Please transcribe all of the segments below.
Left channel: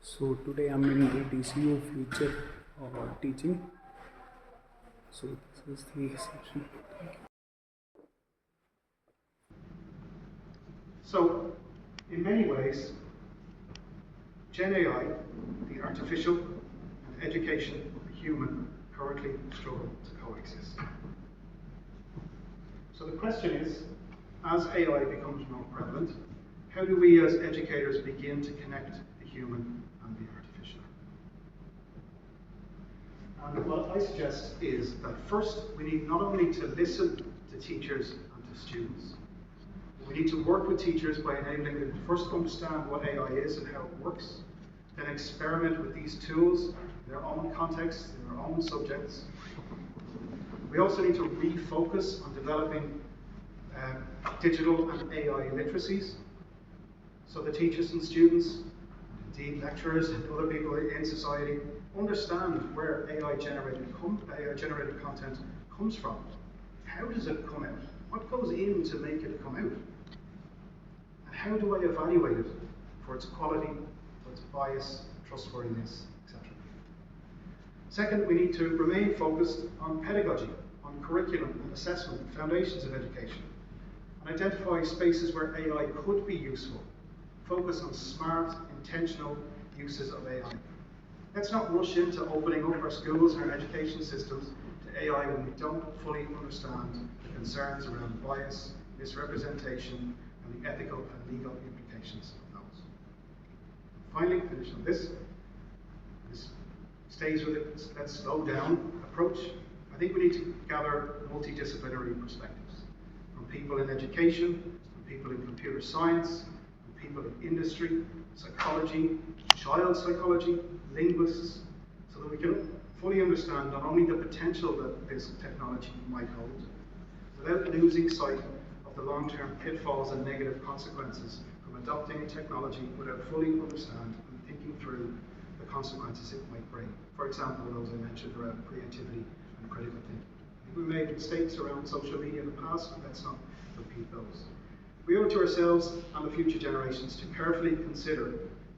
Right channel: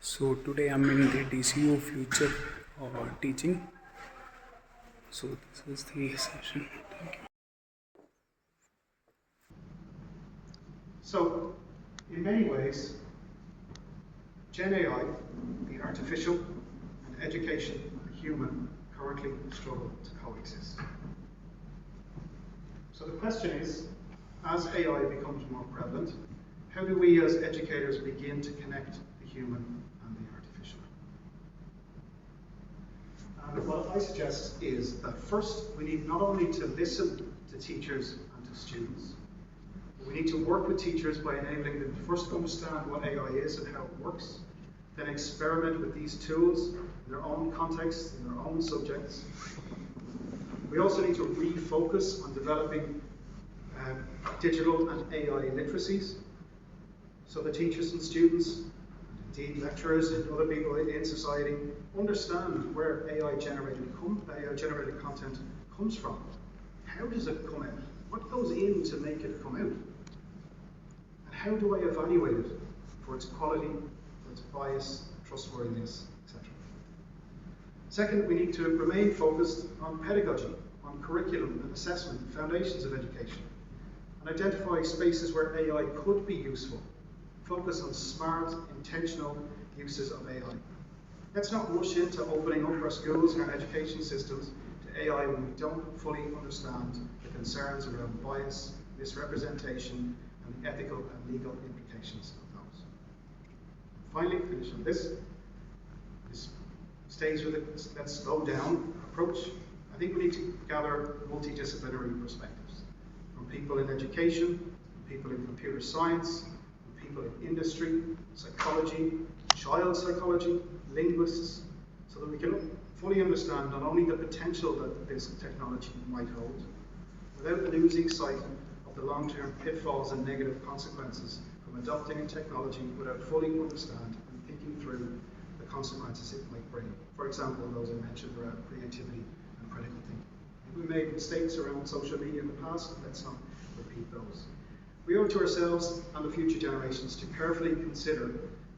So today I'm in the DCU Future teaching. So this is the session. Thank you. So, in many ways, Gen AI, the artificial, and education, the human, currently struggle to coexist. So the question is, as AI becomes more prevalent, how do we as educators begin to connect the human and the artificial? And what I suggest is that first we need not only to listen to teachers and to students, but we need to work with teachers by enabling them to first understand what AI is and how it works, then experiment with these tools in their own contexts, in their own subjects. We also need to refocus on developing digital and AI literacies, so the teachers and students, indeed lecturers and other people in society, understand where AI-generated content comes from. How does it come out? What goes in to make it come out? And how do I evaluate it for its quality, for its bias, trustworthiness, etc.? Second, we need to remain focused on pedagogy, on curriculum and assessment, foundations of education, and identify spaces where AI could be useful. Focus on smart, intentional uses of AI. Let's not rush into opening up our schools and our education systems to AI when we don't fully understand the concerns around bias, misrepresentation, and the ethical and legal implications of those. Finally, finish on this. This stays with it, let's slow down approach. I think we need to gather multidisciplinary perspectives from people in education, from people in computer science, people in industry, psychology, child psychology, linguists, so that we can fully understand not only the potential that this technology might hold, without losing sight of the long-term pitfalls and negative consequences from adopting technology without fully understanding and thinking through the consequences it might bring. For example, those I mentioned around creativity and critical thinking. If we made mistakes around social media in the past, let's not repeat those. We owe it to ourselves and the future generations to carefully consider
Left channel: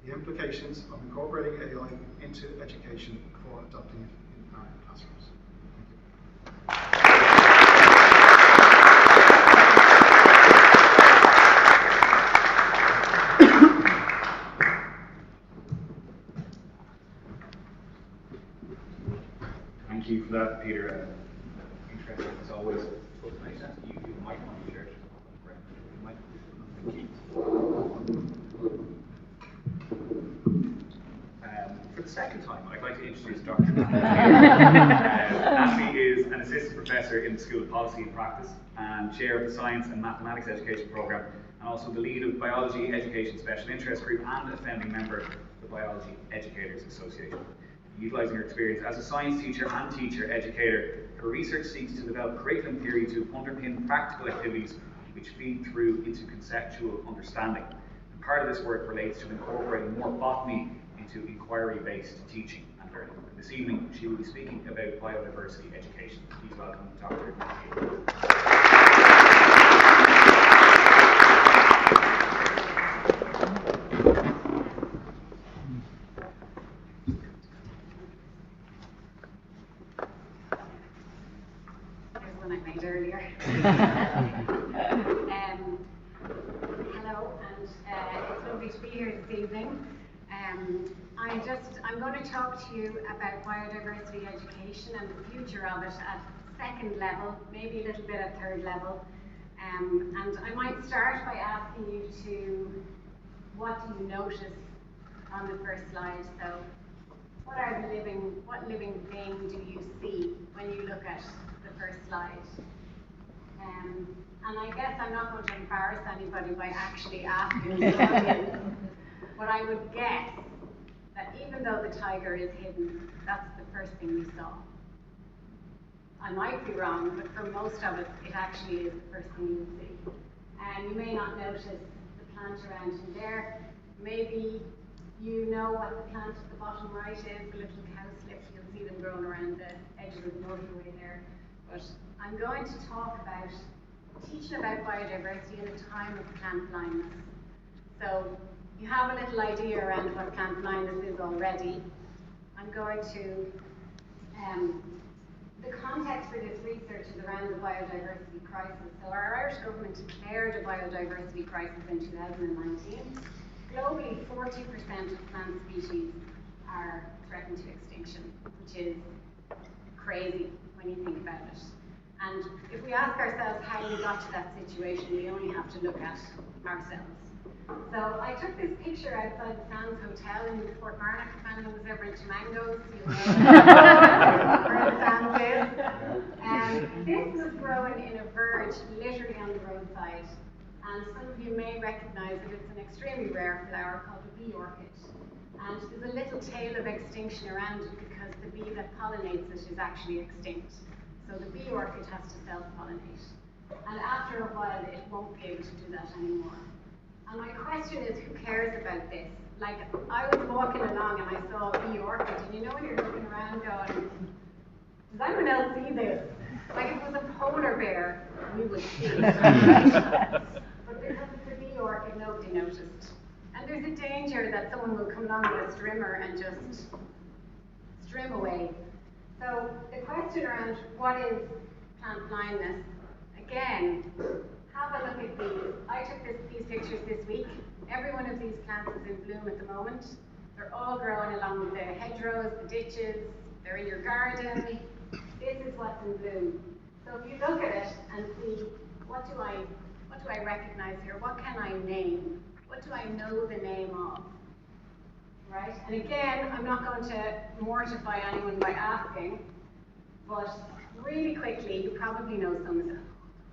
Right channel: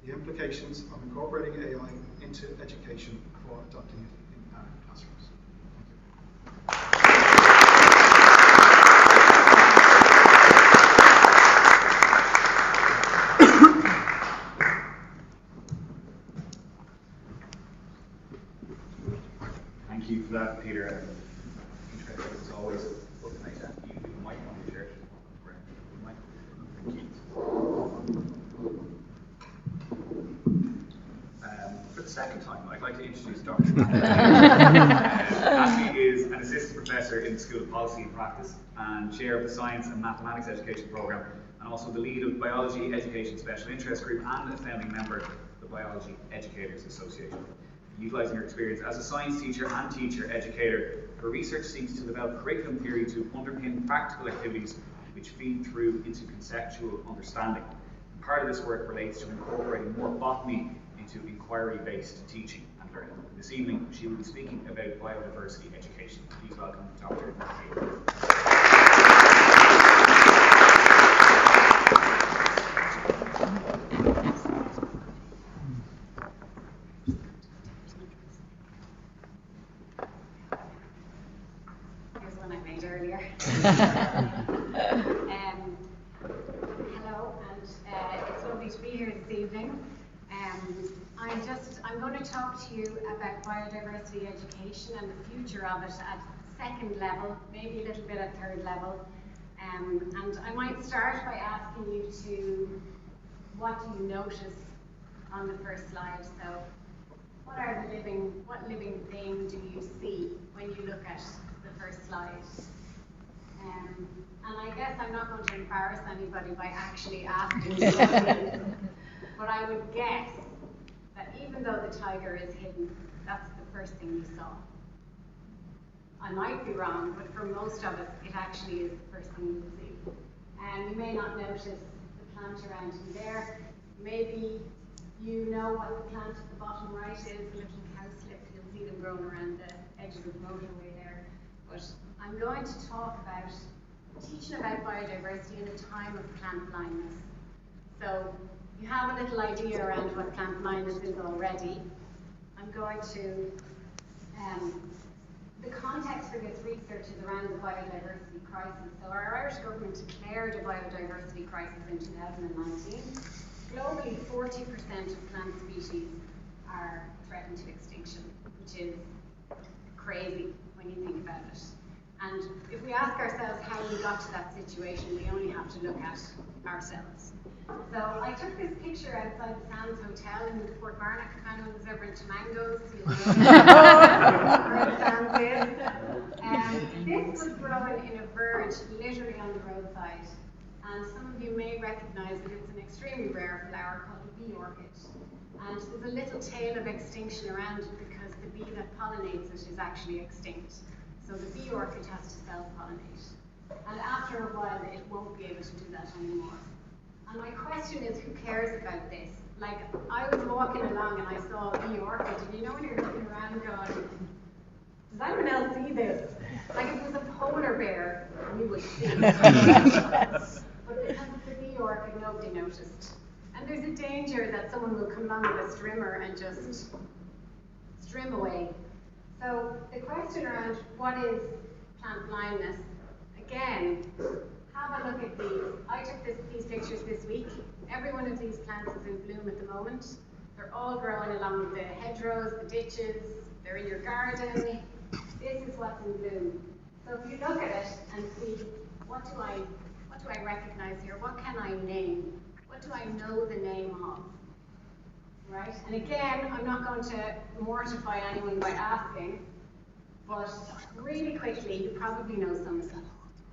the implications of incorporating AI into education before adopting it in our classrooms. Thank you for that, Peter. Interesting as always. Can I ask you might want to share? For the second time, I'd like to introduce Dr. Ashley is an assistant professor in the School of Policy and Practice and chair of the Science and Mathematics Education Programme, and also the lead of Biology Education Special Interest Group and a founding member of the Biology Educators Association. Utilising her experience as a science teacher and teacher educator, her research seeks to develop curriculum theory to underpin practical activities which feed through into conceptual understanding. And part of this work relates to incorporating more botany into inquiry-based teaching and learning. This evening, she will be speaking about biodiversity education. Please welcome Dr. Here's one I made earlier. Hello, and it's lovely to be here this evening. I'm going to talk to you about biodiversity education and the future of it at second level, maybe a little bit at third level. And I might start by asking you what do you notice on the first slide? So, what living thing do you see when you look at the first slide? And I guess I'm not going to embarrass anybody by actually asking the audience, but I would guess that even though the tiger is hidden, that's the first thing you saw. I might be wrong, but for most of us, it actually is the first thing you see. And you may not notice the plant around you there. Maybe you know what the plant at the bottom right is, the little cowslip. You'll see them growing around the edges of the motorway there. But I'm going to talk about teaching about biodiversity in a time of plant blindness. So you have a little idea around what plant blindness is already. I'm going to, the context for this research is around the biodiversity crisis. So our Irish government declared a biodiversity crisis in 2019. Globally, 40% of plant species are threatened to extinction, which is crazy when you think about it. And if we ask ourselves how we got to that situation, we only have to look at ourselves. So I took this picture outside the Sands Hotel in Fort Marnock. If anyone was ever into mangoes, you know where the Sands is. This was grown in a verge literally on the roadside. And some of you may recognize that it's an extremely rare flower called the bee orchid. And there's a little tail of extinction around it because the bee that pollinates it is actually extinct. So the bee orchid has to self-pollinate. And after a while, it won't be able to do that anymore. And my question is, who cares about this? Like, I was walking along and I saw a bee orchid, and you know when you're looking around going, does anyone else see this? Like, if it was a polar bear, we would see it. But because it's a bee orchid, nobody noticed. And there's a danger that someone will come along with a strimmer and just strim away. So the question around what is plant blindness, again, have a look at these. I took these pictures this week. Every one of these plants is in bloom at the moment. They're all growing along the hedgerows, the ditches, they're in your garden. This is what's in bloom. So if you look at it and see, what do I recognize here? What can I name? What do I know the name of? Right? And again, I'm not going to mortify anyone by asking, but really quickly, you probably know some of them,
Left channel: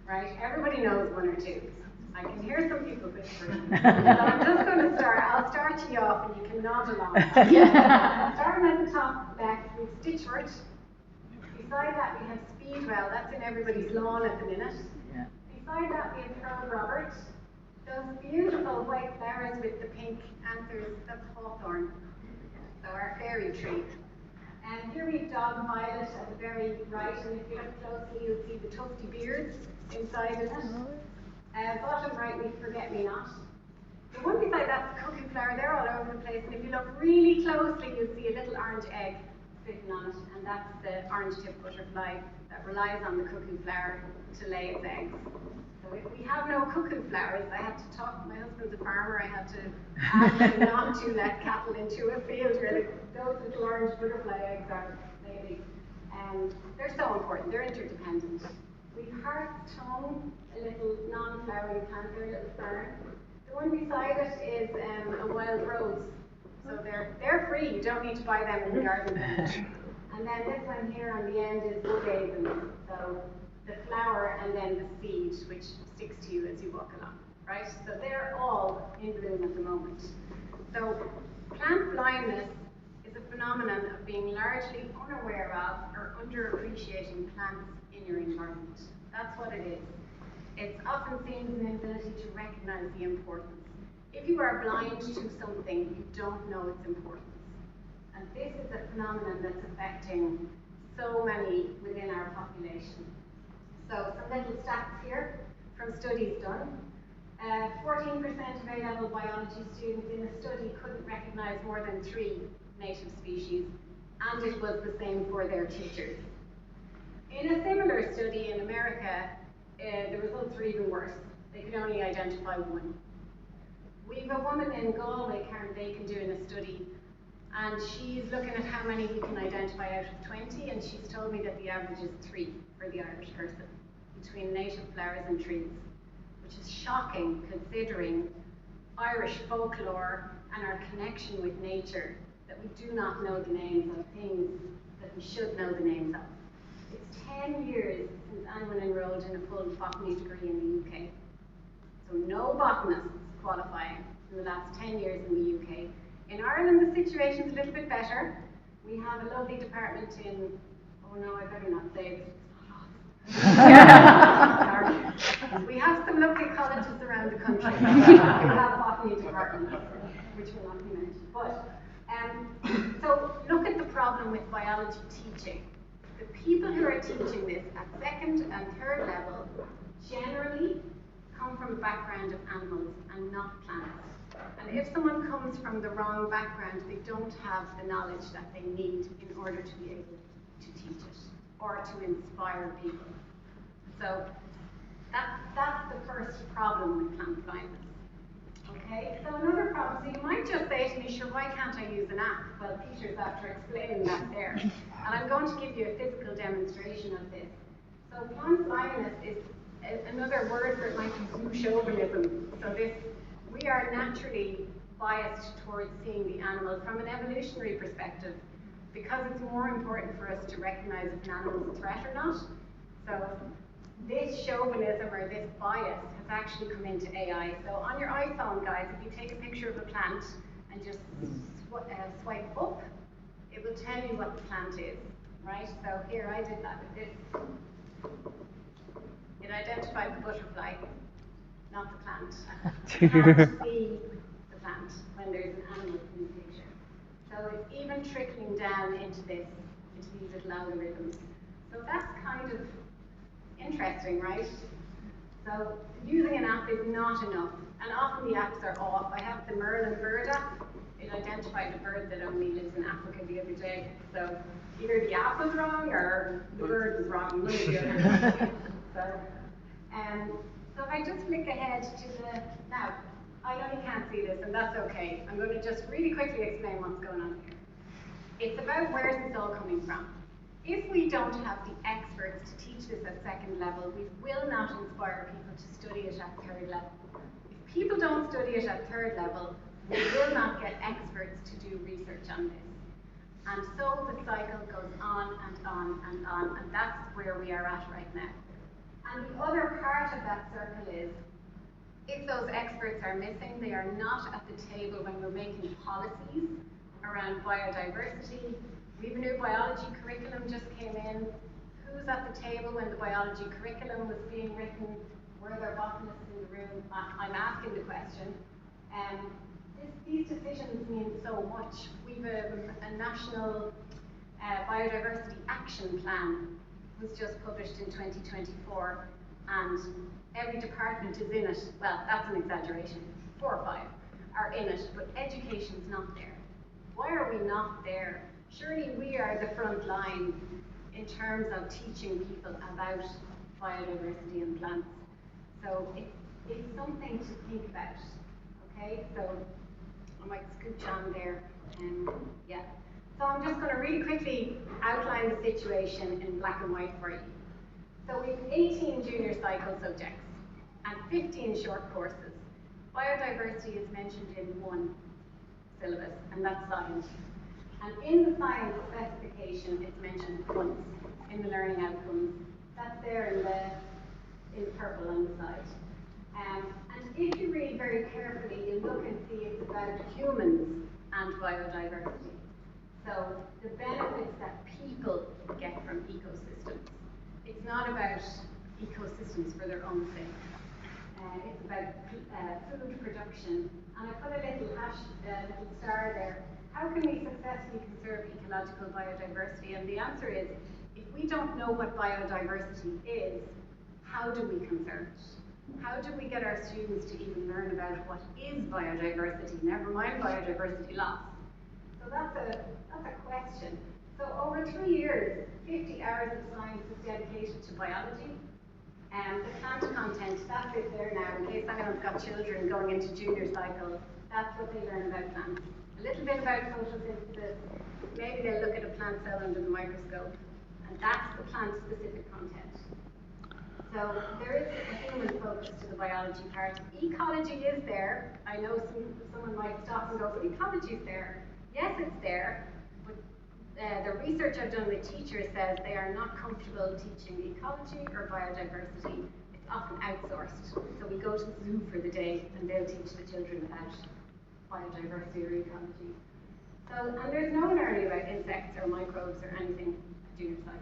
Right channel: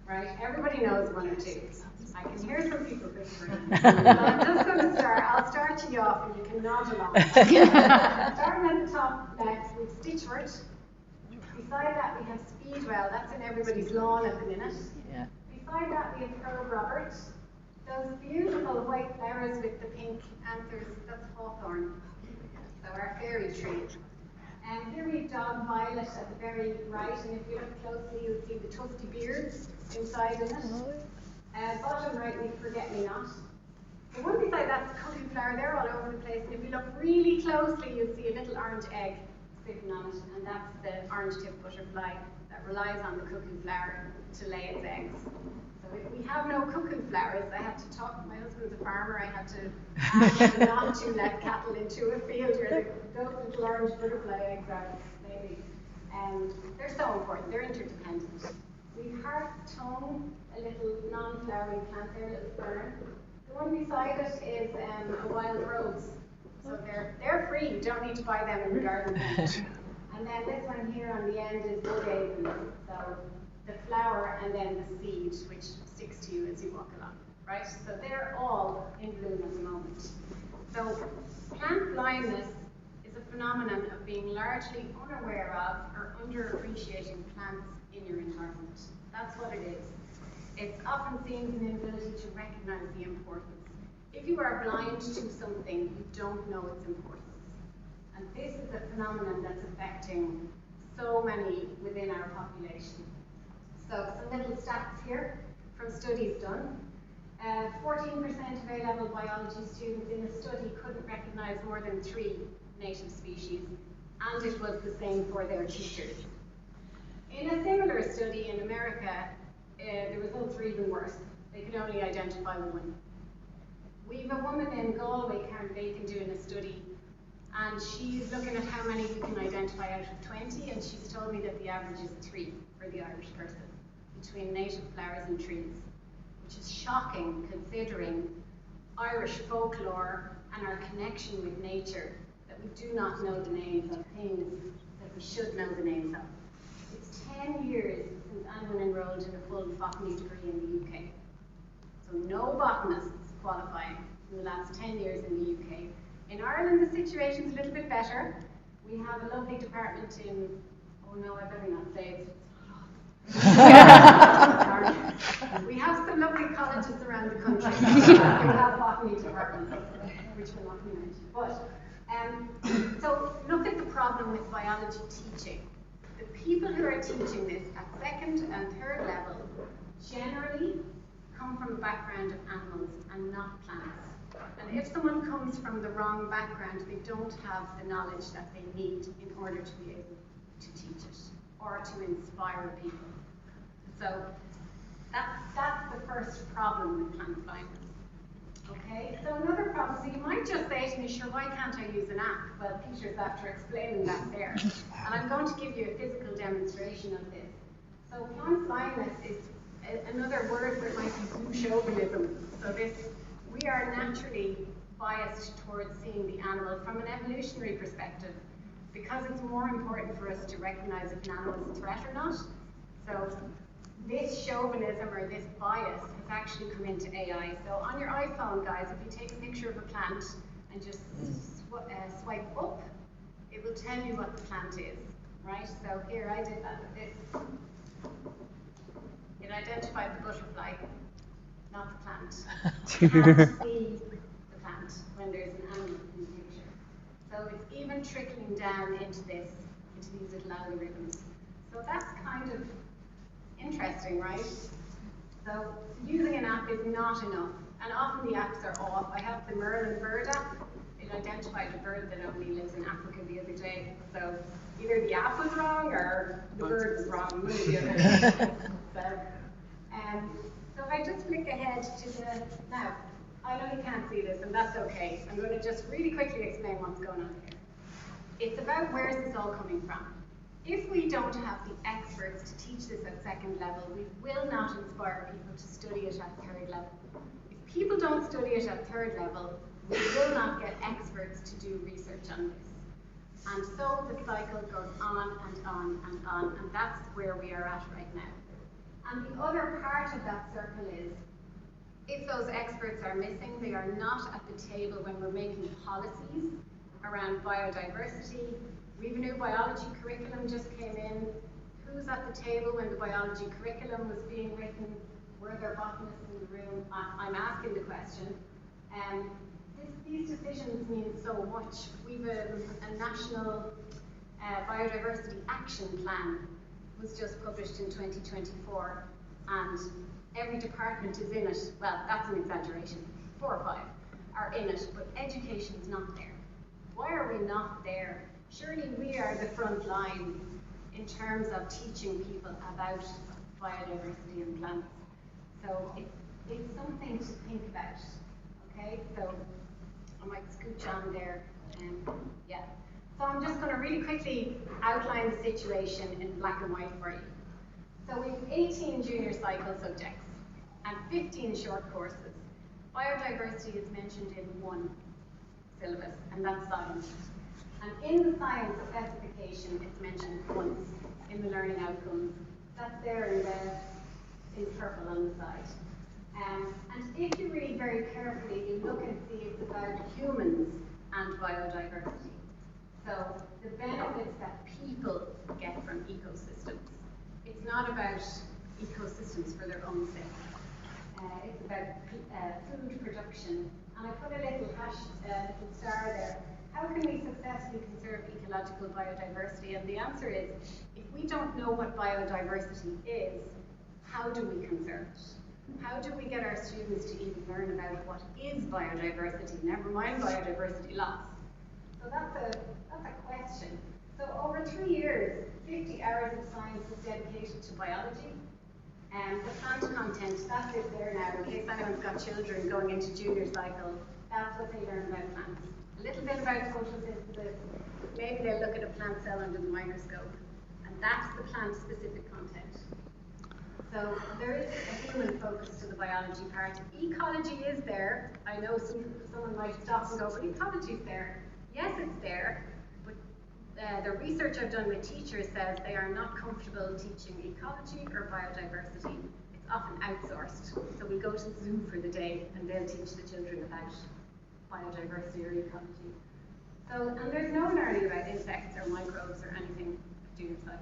right? Everybody knows one or two. I can hear some people whispering. So I'm just going to start. I'll start you off and you can nod along. Starting at the top left, we have stitchwort. Beside that, we have speedwell. That's in everybody's lawn at the minute. Yeah. Beside that, we have Pearl Robert. Those beautiful white flowers with the pink anthers, that's hawthorn. So our fairy tree. And here we have dog violet at the very right, and if you look closely, you'll see the tufty beards inside in it. Bottom right, we forget-me-not. The one beside that's cuckoo flower, they're all over the place, and if you look really closely, you'll see a little orange egg sitting on it, and that's the orange-tipped butterfly that relies on the cuckoo flower to lay its eggs. So if we have no cuckoo flowers, I have to talk, my husband's a farmer, I had to ask him not to let cattle into a field where those little orange butterfly eggs are laying. And they're so important, they're interdependent. We've heart tongue, a little non-flowering plant there, a little fern. The one beside it is a wild rose. So they're free, you don't need to buy them in the garden centre. And then this one here on the end is wood avens. So the flower and then the seed, which sticks to you as you walk along, right? So they're all in bloom at the moment. So plant blindness is a phenomenon of being largely unaware of or underappreciating plants in your environment. That's what it is. It's often seen as an inability to recognize the importance. If you are blind to something, you don't know its importance. And this is a phenomenon that's affecting so many within our population. So some little stats here from studies done. 14% of A-level biology students in a study couldn't recognize more than 3 native species, and it was the same for their teachers. In a similar study in America, the results were even worse. They could only identify 1. We've a woman in Galway, Karen Bacon, doing a study, and she's looking at how many you can identify out of 20, and she's told me that the average is 3 for the Irish person, between native flowers and trees, which is shocking considering Irish folklore and our connection with nature, that we do not know the names of things that we should know the names of. It's 10 years since anyone enrolled in a full botany degree in the UK. So no botanists qualifying in the last 10 years in the UK. In Ireland, the situation's a little bit better. We have a lovely department in, oh no, I better not say it. We have some lovely colleges around the country. We have botany departments, which will not be mentioned. But, so look at the problem with biology teaching. The people who are teaching this at 2nd and 3rd level generally come from a background of animals and not plants. And if someone comes from the wrong background, they don't have the knowledge that they need in order to be able to teach it or to inspire people. So that's the first problem with plant blindness. Okay, so another problem, so you might just say to me, sure, why can't I use an app? Well, Peter's after explaining that there. And I'm going to give you a physical demonstration of this. So plant blindness is another word that might be zoo chauvinism. So we are naturally biased towards seeing the animal from an evolutionary perspective because it's more important for us to recognize if an animal is a threat or not. So this chauvinism or this bias has actually come into AI. So on your iPhone, guys, if you take a picture of a plant and just swipe up, it will tell you what the plant is, right? So here, I did that with this. It identified the butterfly, not the plant. You can't see the plant when there's an animal in the picture. So it's even trickling down into these little algorithms. So that's kind of interesting, right? So using an app is not enough, and often the apps are off. I have the Merlin bird app. It identified a bird that only lives in Africa the other day. So either the app was wrong or the bird was wrong, one or the other. So if I just flick ahead to now, I know you can't see this, and that's okay. I'm going to just really quickly explain what's going on here. It's about where's this all coming from. If we don't have the experts to teach this at second level, we will not inspire people to study it at third level. If people don't study it at third level, we will not get experts to do research on this. And so the cycle goes on and on and on, and that's where we are at right now. And the other part of that circle is, if those experts are missing, they are not at the table when we're making policies around biodiversity. We have a new biology curriculum just came in. Who's at the table when the biology curriculum was being written? Were there botanists in the room? I'm asking the question. These decisions mean so much. We have a national biodiversity action plan was just published in 2024, and every department is in it. Well, that's an exaggeration. 4 or 5 are in it, but education's not there. Why are we not there? Surely we are the front line in terms of teaching people about biodiversity and plants. So it's something to think about. Okay, so I might scooch on there. Yeah. So I'm just going to really quickly outline the situation in black and white for you. So we have 18 junior cycle subjects and 15 short courses. Biodiversity is mentioned in one syllabus, and that's science. And in the science specification, it's mentioned once in the learning outcomes. That's there in purple on the side. And if you read very carefully, you look and see it's about humans and biodiversity. So the benefits that people get from ecosystems. It's not about ecosystems for their own sake. It's about food production. And I put a little little star there. How can we successfully conserve ecological biodiversity? And the answer is, if we don't know what biodiversity is, how do we conserve it? How do we get our students to even learn about what is biodiversity, never mind biodiversity loss? So that's a question. So over 3 years, 50 hours of science is dedicated to biology. And the plant content, that's it there now, in case anyone's got children going into junior cycle, that's what they learn about plants. A little bit about photosynthesis, maybe they'll look at a plant cell under the microscope, and that's the plant-specific content. So there is a human focus to the biology part. Ecology is there. I know someone might stop and go, but ecology is there. Yes, it's there, but the research I've done with teachers says they are not comfortable teaching ecology or biodiversity. It's often outsourced. So we go to the zoo for the day and they'll teach the children about biodiversity or ecology. So, and there's no learning about insects or microbes or anything at junior cycle.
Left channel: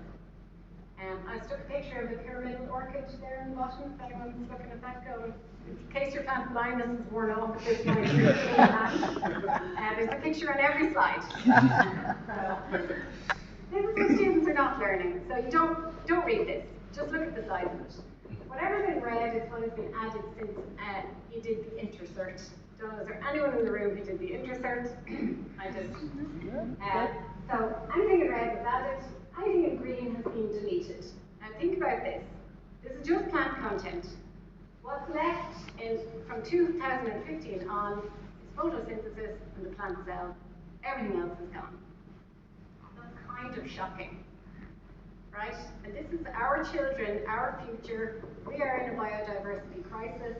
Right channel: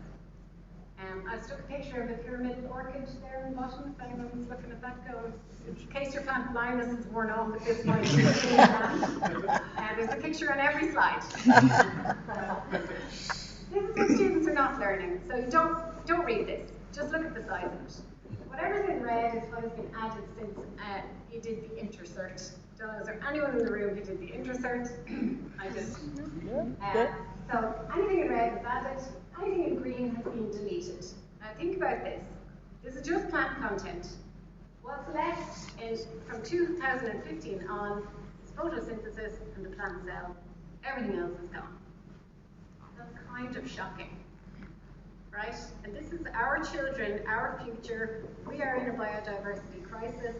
I stuck a picture of a pyramidal orchid there in the bottom, if anyone's looking at that going. In case your plant blindness is worn off at this point, there's a picture on every slide. So, this is what students are not learning. So you don't read this. Just look at the size of it. Whatever's in red is what has been added since you did the intercert Don't know, is there anyone in the room who did the intercert? I did. So anything in red was added, anything in green has been deleted. Now think about this. This is just plant content. What's left is, from 2015 on, is photosynthesis and the plant cell. Everything else is gone. That's kind of shocking, right? And this is our children, our future. We are in a biodiversity crisis,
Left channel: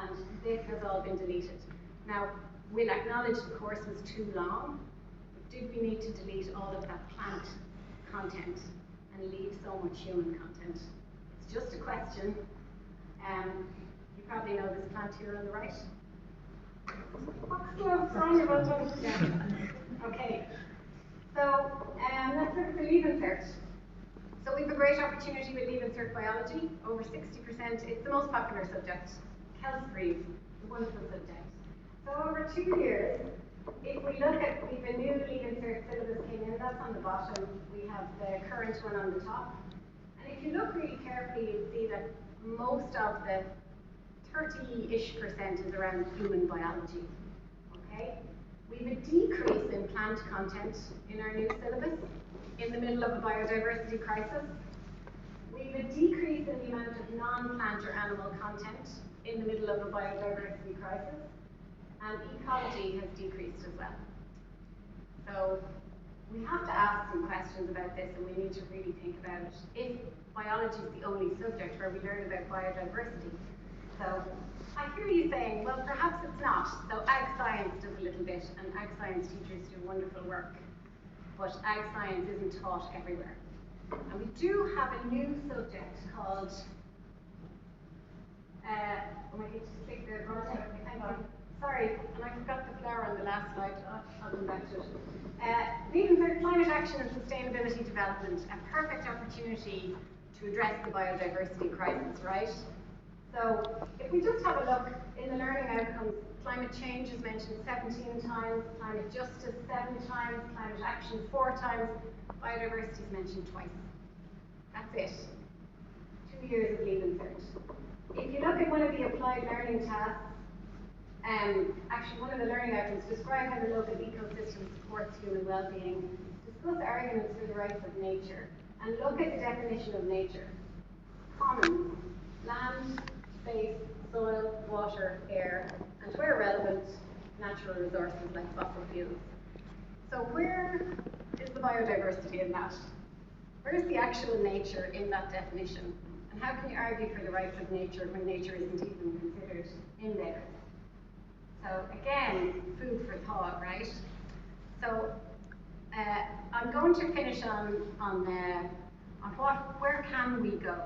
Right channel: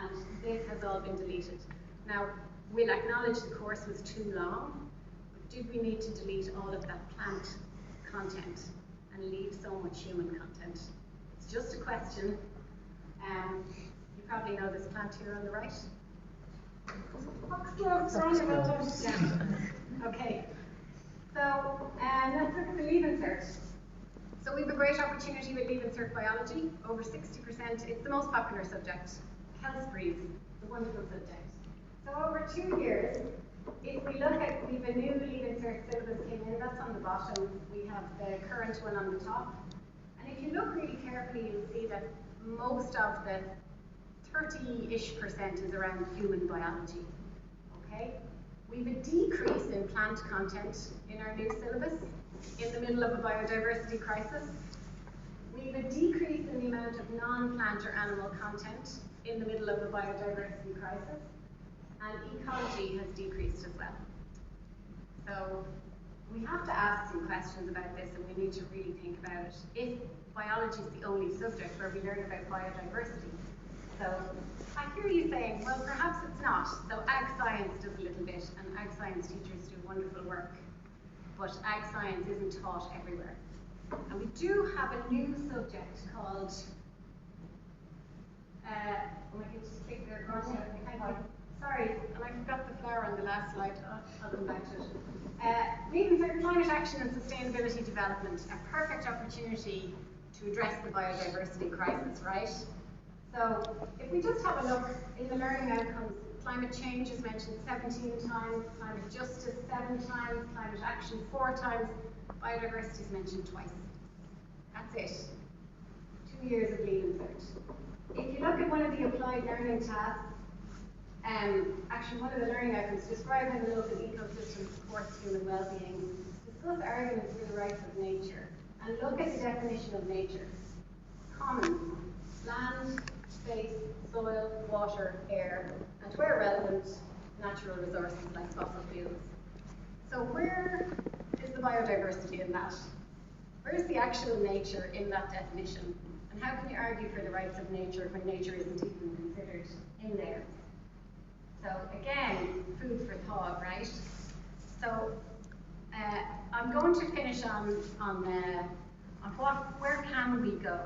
and this has all been deleted. Now, we'll acknowledge the course was too long, but did we need to delete all of that plant content and leave so much human content? It's just a question. You probably know this plant here on the right. Okay, so let's look at the Leave Insert. So we have a great opportunity with Leave Insert biology. Over 60%, it's the most popular subject. Health breeds, the wonderful subject. So over 2 years, if we look at, we have a new Leave Insert syllabus came in, that's on the bottom. We have the current one on the top. And if you look really carefully, you'll see that most of the 30-ish% is around human biology, okay? We have a decrease in plant content in our new syllabus in the middle of a biodiversity crisis. We have a decrease in the amount of non-plant or animal content in the middle of a biodiversity crisis, and ecology has decreased as well. So we have to ask some questions about this, and we need to really think about it. If biology is the only subject where we learn about biodiversity, so I hear you saying, well, perhaps it's not. So ag science does a little bit, and ag science teachers do wonderful work, but ag science isn't taught everywhere. And we do have a new subject called, oh my goodness, sorry, and I forgot the flower on the last slide. Oh, I'll come back to it. Leave Insert Climate Action and Sustainability Development, a perfect opportunity to address the biodiversity crisis, right? So if we just have a look in the learning outcomes, climate change is mentioned 17 times, climate justice 7 times, climate action 4 times, biodiversity is mentioned twice. That's it. 2 years of Leave Insert. If you look at one of the applied learning tasks, actually one of the learning outcomes, describe how the local ecosystem supports human well-being, discuss arguments for the rights of nature, and look at the definition of nature. Commons, land, space, soil, water, air, and where relevant, natural resources like fossil fuels. So where is the biodiversity in that? Where's the actual nature in that definition? And how can you argue for the rights of nature when nature isn't even considered in there? So again, food for thought, right? So I'm going to finish on where can we go?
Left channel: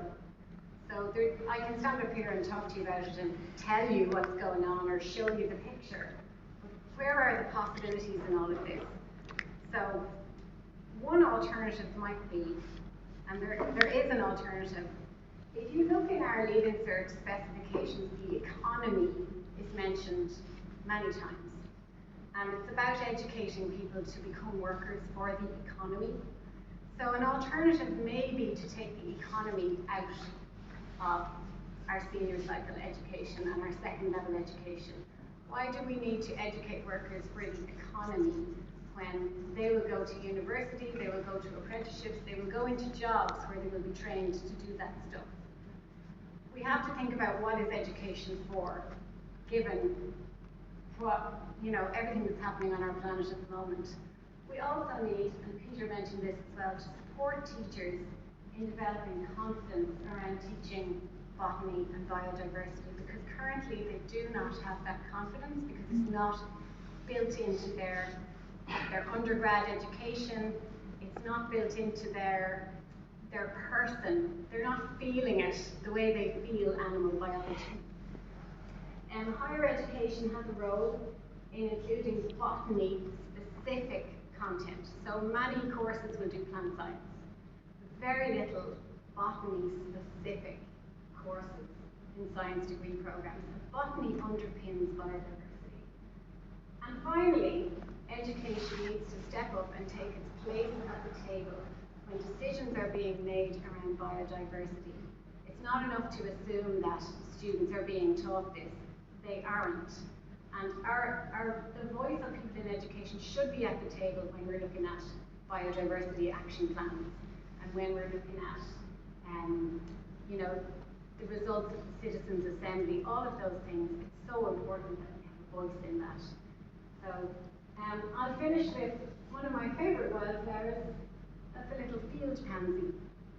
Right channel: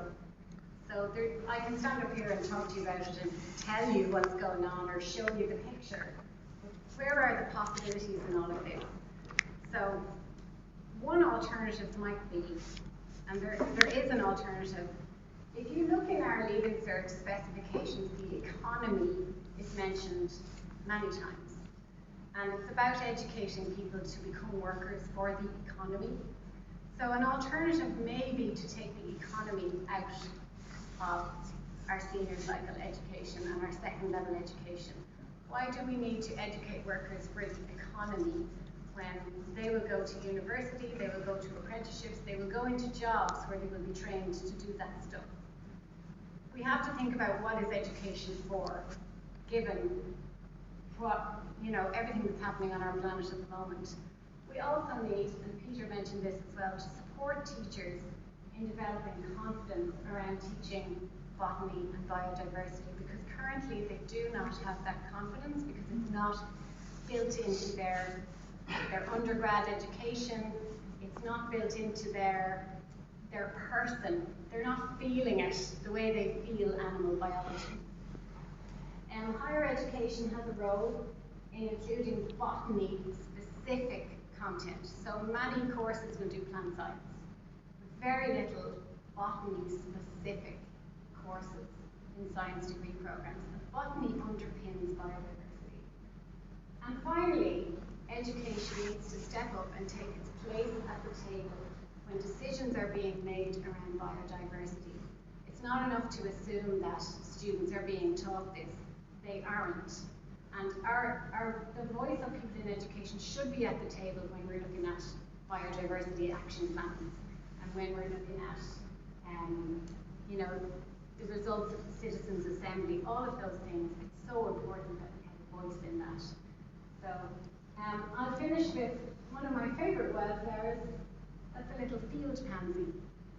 So I can stand up here and talk to you about it and tell you what's going on or show you the picture. Where are the possibilities in all of this? So one alternative might be, and there is an alternative. If you look in our Leave Insert specifications, the economy is mentioned many times. And it's about educating people to become workers for the economy. So an alternative may be to take the economy out of our senior cycle education and our second level education. Why do we need to educate workers for the economy when they will go to university, they will go to apprenticeships, they will go into jobs where they will be trained to do that stuff? We have to think about what is education for, given what, everything that's happening on our planet at the moment. We also need, and Peter mentioned this as well, to support teachers in developing confidence around teaching botany and biodiversity, because currently they do not have that confidence because it's not built into their undergrad education, it's not built into their person. They're not feeling it the way they feel animal biology. And higher education has a role in including botany-specific content. So many courses will do plant science. Very little botany-specific courses in science degree programs. But botany underpins biodiversity. And finally, education needs to step up and take its place at the table when decisions are being made around biodiversity. It's not enough to assume that students are being taught this. They aren't. And the voice of people in education should be at the table when we're looking at biodiversity action plans and when we're looking at, you know, the results of the citizens' assembly, all of those things. It's so important that we have a voice in that. So I'll finish with one of my favourite wildflowers. That's a little field pansy.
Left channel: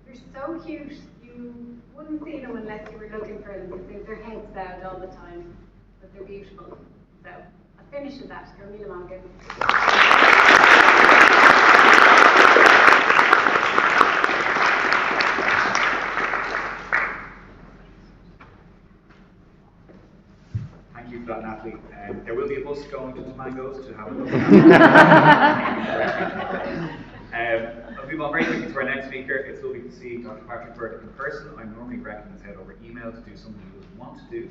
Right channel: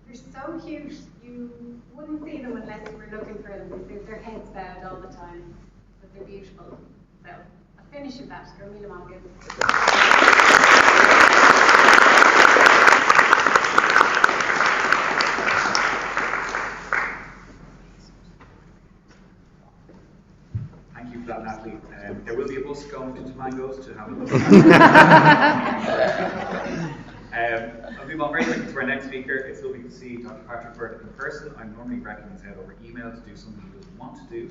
They're so cute. You wouldn't see them unless you were looking for them because their heads bowed all the time. But they're beautiful. So I'll finish with that. Go Mila Mongan. Thank you for that, Natalie. There will be a bus going into Mangoes to have a look. I'll move on very quickly to our next speaker. It's lovely to see Dr. Patrick Bird in person. I'm normally recommend his head over email to do something he doesn't want to do.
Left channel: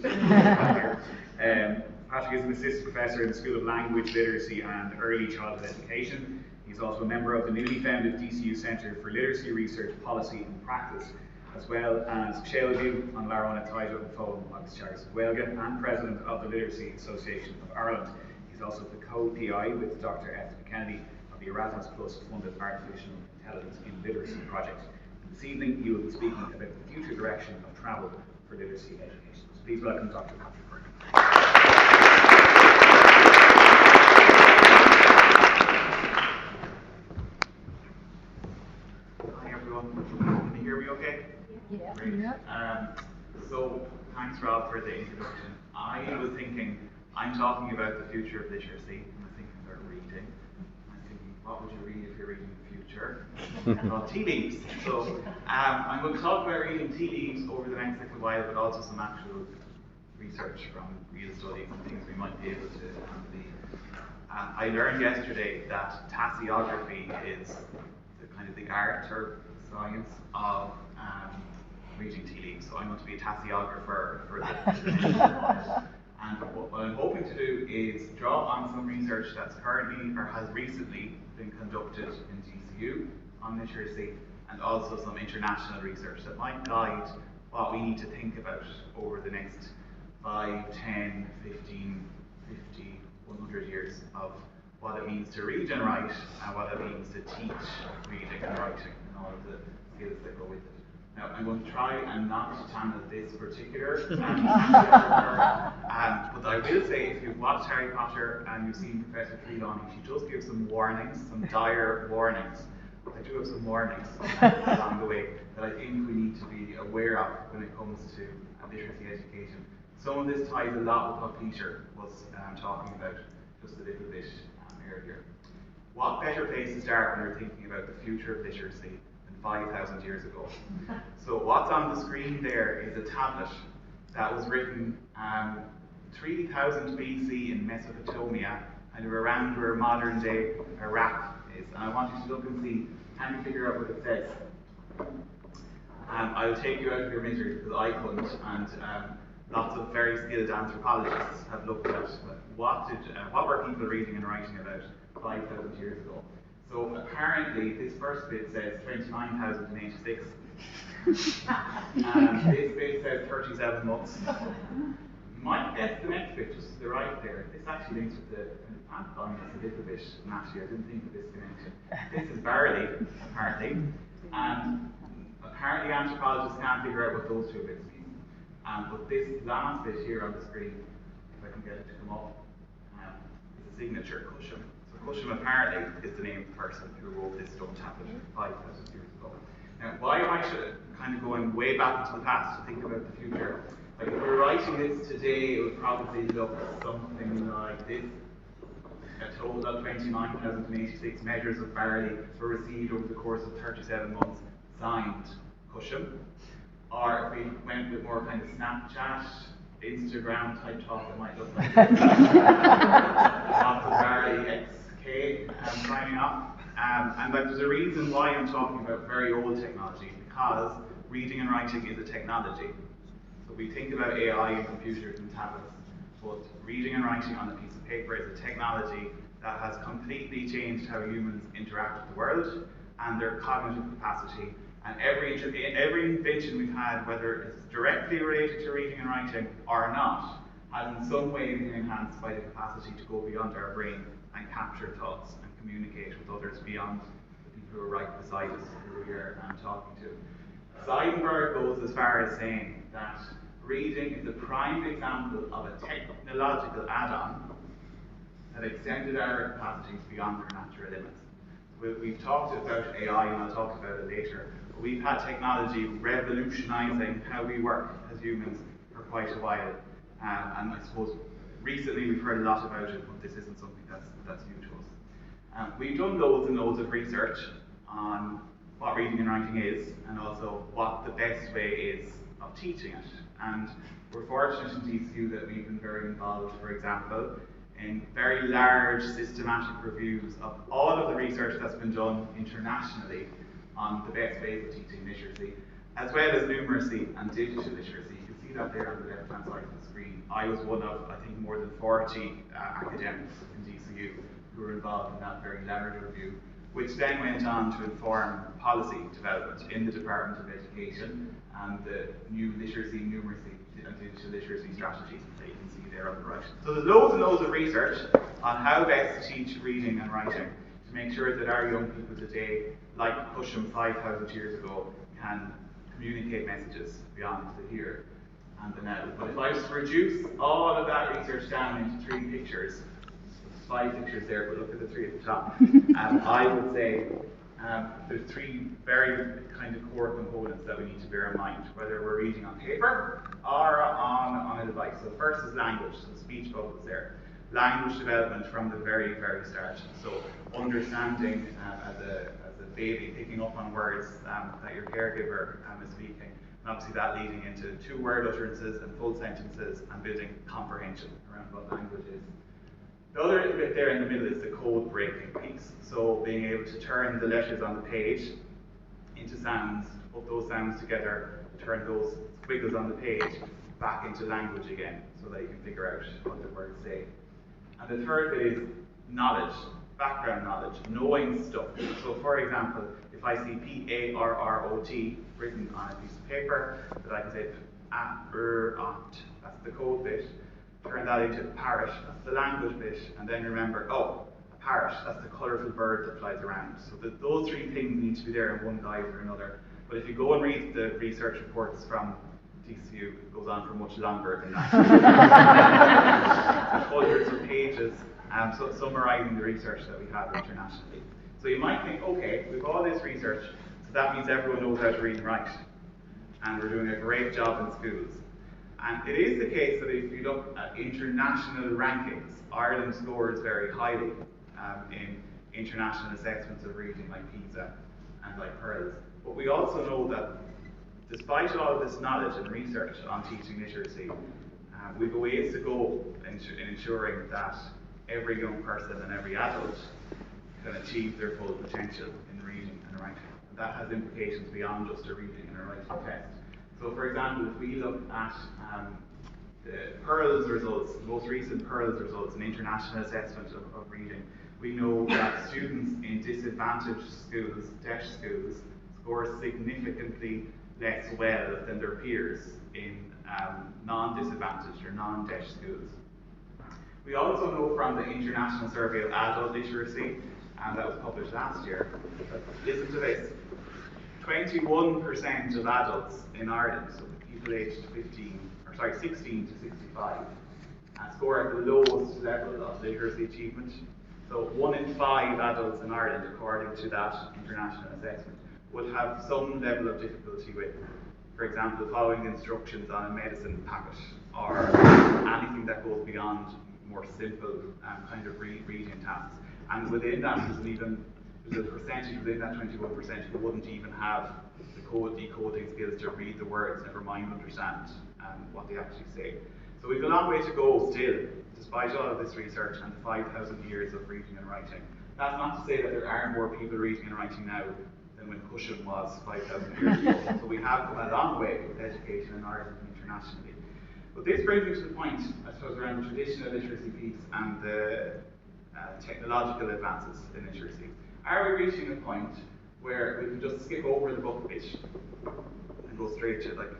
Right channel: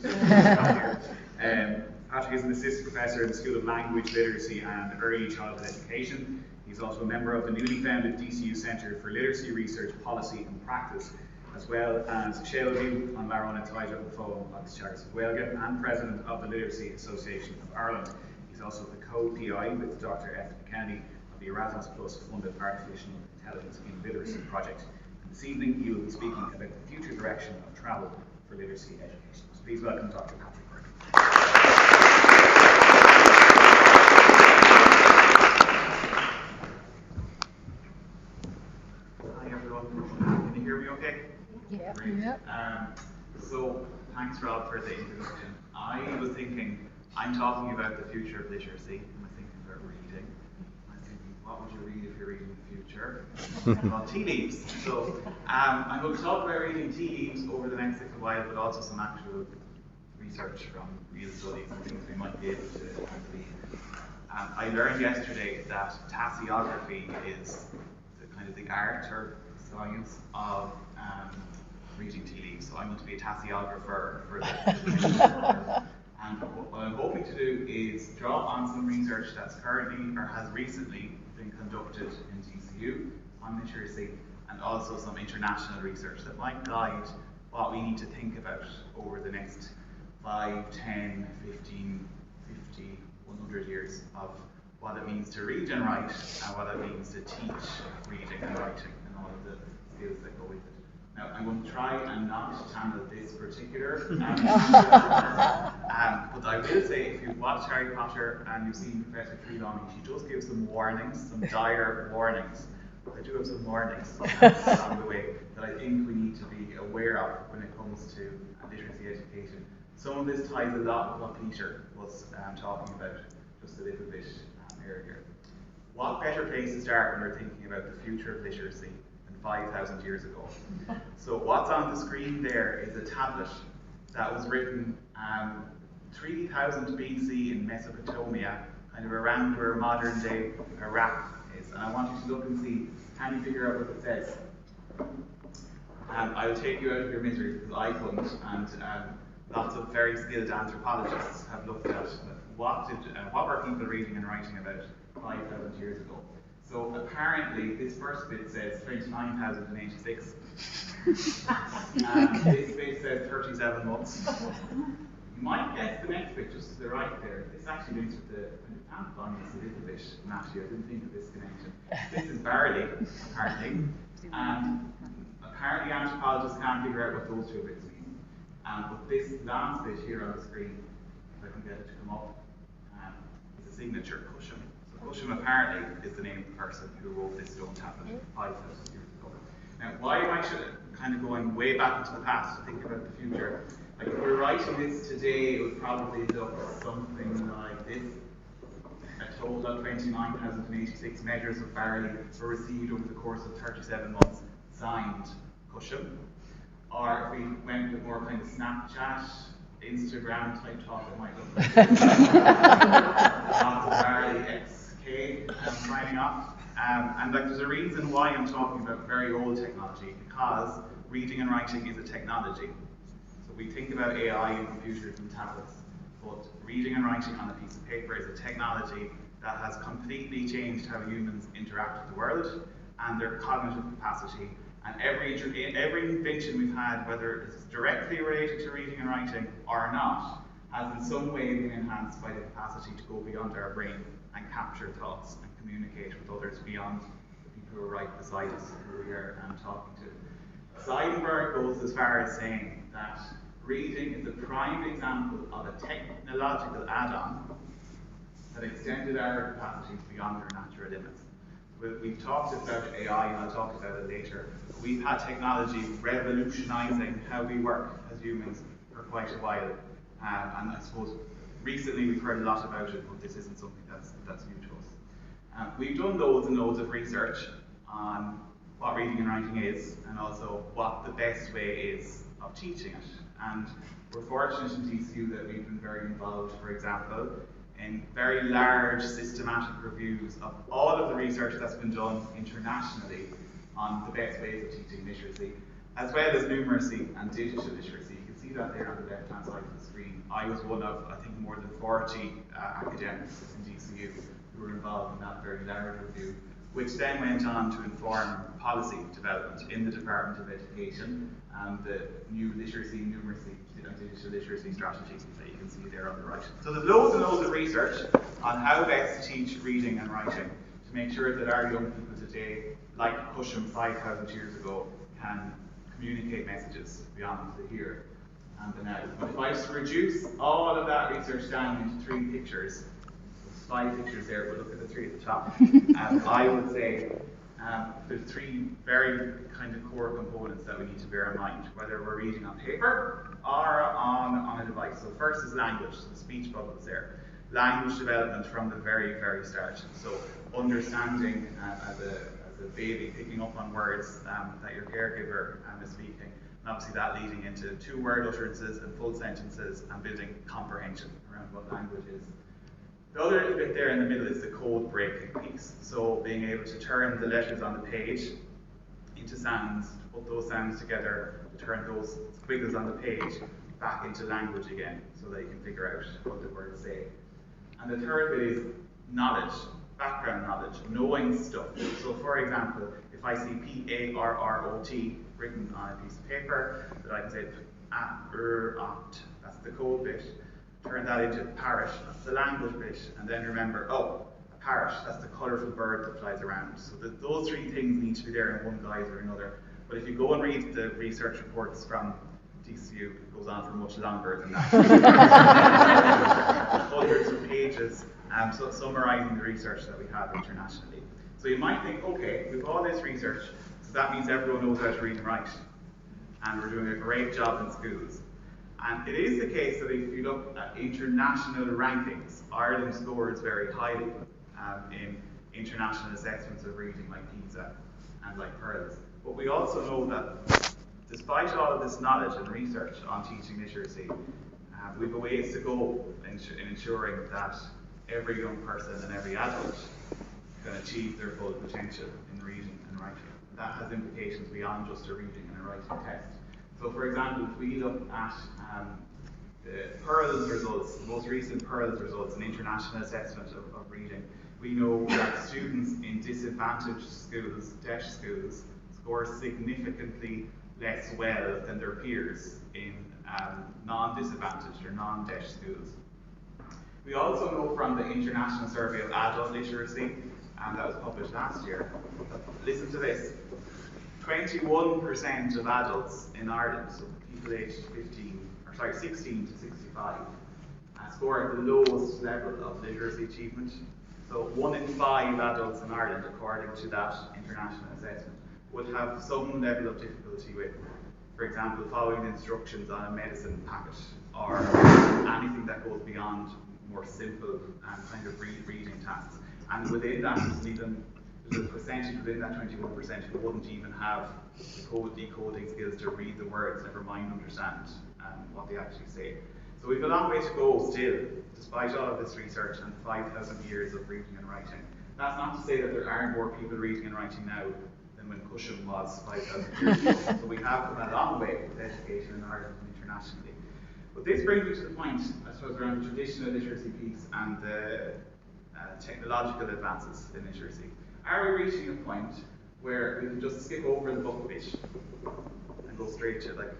Patrick is an assistant professor in the School of Language, Literacy and Early Childhood Education. He's also a member of the newly founded DCU Centre for Literacy Research, Policy and Practice, as well as Sheilgu an Larona Taito and Fólam agus Teagas Gaeilge and President of the Literacy Association of Ireland. He's also the co-PI with Dr. F. Kennedy of the Erasmus Plus funded Artificial Intelligence in Literacy project. This evening he will be speaking about the future direction of travel for literacy education. So please welcome Dr. Patrick Bird. Hi everyone, can you hear me okay? Yeah. Great. So thanks Rob for the introduction. I was thinking, I'm talking about the future of literacy, and I'm thinking about reading. I'm thinking, what would you read if you're reading the future? Well, tea leaves. So I'm going to talk about reading tea leaves over the next little while, but also some actual research from real studies and things we might be able to believe. I learned yesterday that tasseography is the art or science of reading tea leaves. So I'm going to be a tasseographer for this. And what I'm hoping to do is draw on some research that's currently or has recently been conducted in DCU on literacy, and also some international research that might guide what we need to think about over the next 5, 10, 15, 50, 100 years of what it means to read and write, and what it means to teach reading and writing, and all of the skills that go with it. Now, I'm going to try and not channel this particular but I will say, if you've watched Harry Potter and you've seen Professor Trelawney, she does give some warnings, some dire warnings. I do have some warnings along the way that I think we need to be aware of when it comes to literacy education. Some of this ties a lot with what Peter was talking about just a little bit earlier. What better place to start when you're thinking about the future of literacy than 5,000 years ago? So what's on the screen there is a tablet that was written 3000 BC in Mesopotamia, kind of around where modern day Iraq is. And I want you to look and see, can you figure out what it says? I will take you out of your misery because I couldn't, and lots of very skilled anthropologists have looked at what were people reading and writing about 5,000 years ago. So apparently this first bit says 29,086 and this bit says 37 months. You might guess the next bit just to the right there. This actually links with the pantheon a little bit, naturally. I didn't think of this connection. This is barley, apparently, and apparently anthropologists can't figure out what those two bits mean. But this last bit here on the screen, if I can get it to come up, is a signature, Cusham. So Cusham apparently is the name of the person who wrote this stone tablet 5,000 years ago. Now, why am I kind of going way back into the past to think about the future? Like, if we were writing this today, it would probably look something like this. A total of 29,086 measures of barley were received over the course of 37 months, signed Cusham. Or if we went with more kind of Snapchat, Instagram type talk, it might look like lots of barley XK signing off. And like, there's a reason why I'm talking about very old technology, because reading and writing is a technology. So we think about AI and computers and tablets, but reading and writing on a piece of paper is a technology that has completely changed how humans interact with the world and their cognitive capacity. And every invention we've had, whether it's directly related to reading and writing or not, has in some way been enhanced by the capacity to go beyond our brain and capture thoughts and communicate with others beyond the people who are right beside us, who we are talking to. Seidenberg goes as far as saying that reading is a prime example of a technological add-on that extended our capacities beyond our natural limits. We've talked about AI, and I'll talk about it later. We've had technology revolutionising how we work as humans for quite a while. And I suppose recently we've heard a lot about it, but this isn't something that's new to us. We've done loads and loads of research on what reading and writing is, and also what the best way is of teaching it. And we're fortunate in DCU that we've been very involved, for example, in very large systematic reviews of all of the research that's been done internationally on the best ways of teaching literacy, as well as numeracy and digital literacy. You can see that there on the left-hand side of the screen. I was one of, I think, more than 40 academics in DCU who were involved in that very large review, which then went on to inform policy development in the Department of Education and the new literacy, numeracy, and digital literacy strategies that you can see there on the right. So there's loads and loads of research on how best to teach reading and writing to make sure that our young people today, like Cusham 5,000 years ago, can communicate messages beyond the here and the now. But if I was to reduce all of that research down into 3 pictures, there's 5 pictures there, but look at the 3 at the top. I would say there's 3 very kind of core components that we need to bear in mind, whether we're reading on paper or on a device. So first is language, so the speech bubbles there. Language development from the very, very start. So understanding as a baby, picking up on words that your caregiver is speaking, and obviously that leading into 2-word utterances and full sentences and building comprehension around what language is. The other bit there in the middle is the code breaking piece. So being able to turn the letters on the page into sounds, put those sounds together, turn those squiggles on the page back into language again, so that you can figure out what the words say. And the third bit is knowledge, background knowledge, knowing stuff. So for example, if I see P-A-R-R-O-T written on a piece of paper, that I can say ot, that's the code bit. Turn that into parrot, that's the language bit, and then remember, oh, a parrot, that's the colourful bird that flies around. So those 3 things need to be there in one guise or another. But if you go and read the research reports from DCU, it goes on for much longer than that. Hundreds of pages summarising the research that we have internationally. So you might think, okay, we've all this research, so that means everyone knows how to read and write, and we're doing a great job in schools. And it is the case that if you look at international rankings, Ireland scores very highly in international assessments of reading like PISA and like PEARLS. But we also know that despite all of this knowledge and research on teaching literacy, we have a ways to go in ensuring that every young person and every adult can achieve their full potential in reading and writing. And that has implications beyond just a reading and a writing test. So for example, if we look at the PEARLS results, the most recent PEARLS results, an international assessment of reading, we know that students in disadvantaged schools, DESH schools, score significantly less well than their peers in non-disadvantaged or non-DESH schools. We also know from the International Survey of Adult Literacy, and that was published last year, listen to this, 21% of adults in Ireland, so people aged 16 to 65, score at the lowest level of literacy achievement. So 1 in 5 adults in Ireland, according to that international assessment, would have some level of difficulty with, for example, following the instructions on a medicine packet, or anything that goes beyond more simple kind of reading tasks. And within that, there's a percentage within that 21% who wouldn't even have the decoding skills to read the words, never mind understand what they actually say. So we've a long way to go still, despite all of this research and 5,000 years of reading and writing. That's not to say that there aren't more people reading and writing now than when Cusham was 5,000 years ago. So we have come a long way with education in Ireland and internationally. But this brings me to the point, I suppose, around the traditional literacy piece and the technological advances in literacy. Are we reaching a point where we can just skip over the book bit and go straight to like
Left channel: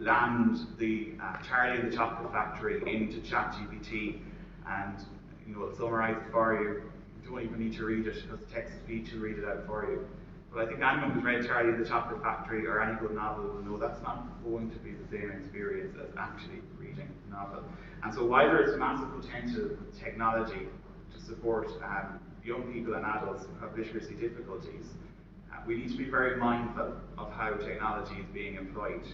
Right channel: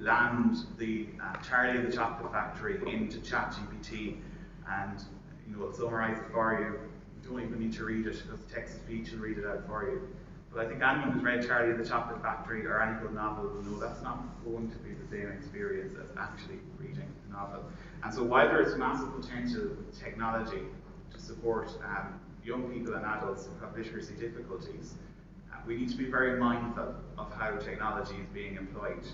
land the Charlie and the Chocolate Factory into ChatGPT, and it'll summarise it for you. You don't even need to read it, because text-to-speech will read it out for you. But I think anyone who's read Charlie and the Chocolate Factory or any good novel will know that's not going to be the same experience as actually reading the novel. And so while there's massive potential with technology to support young people and adults who have literacy difficulties, we need to be very mindful of how technology is being employed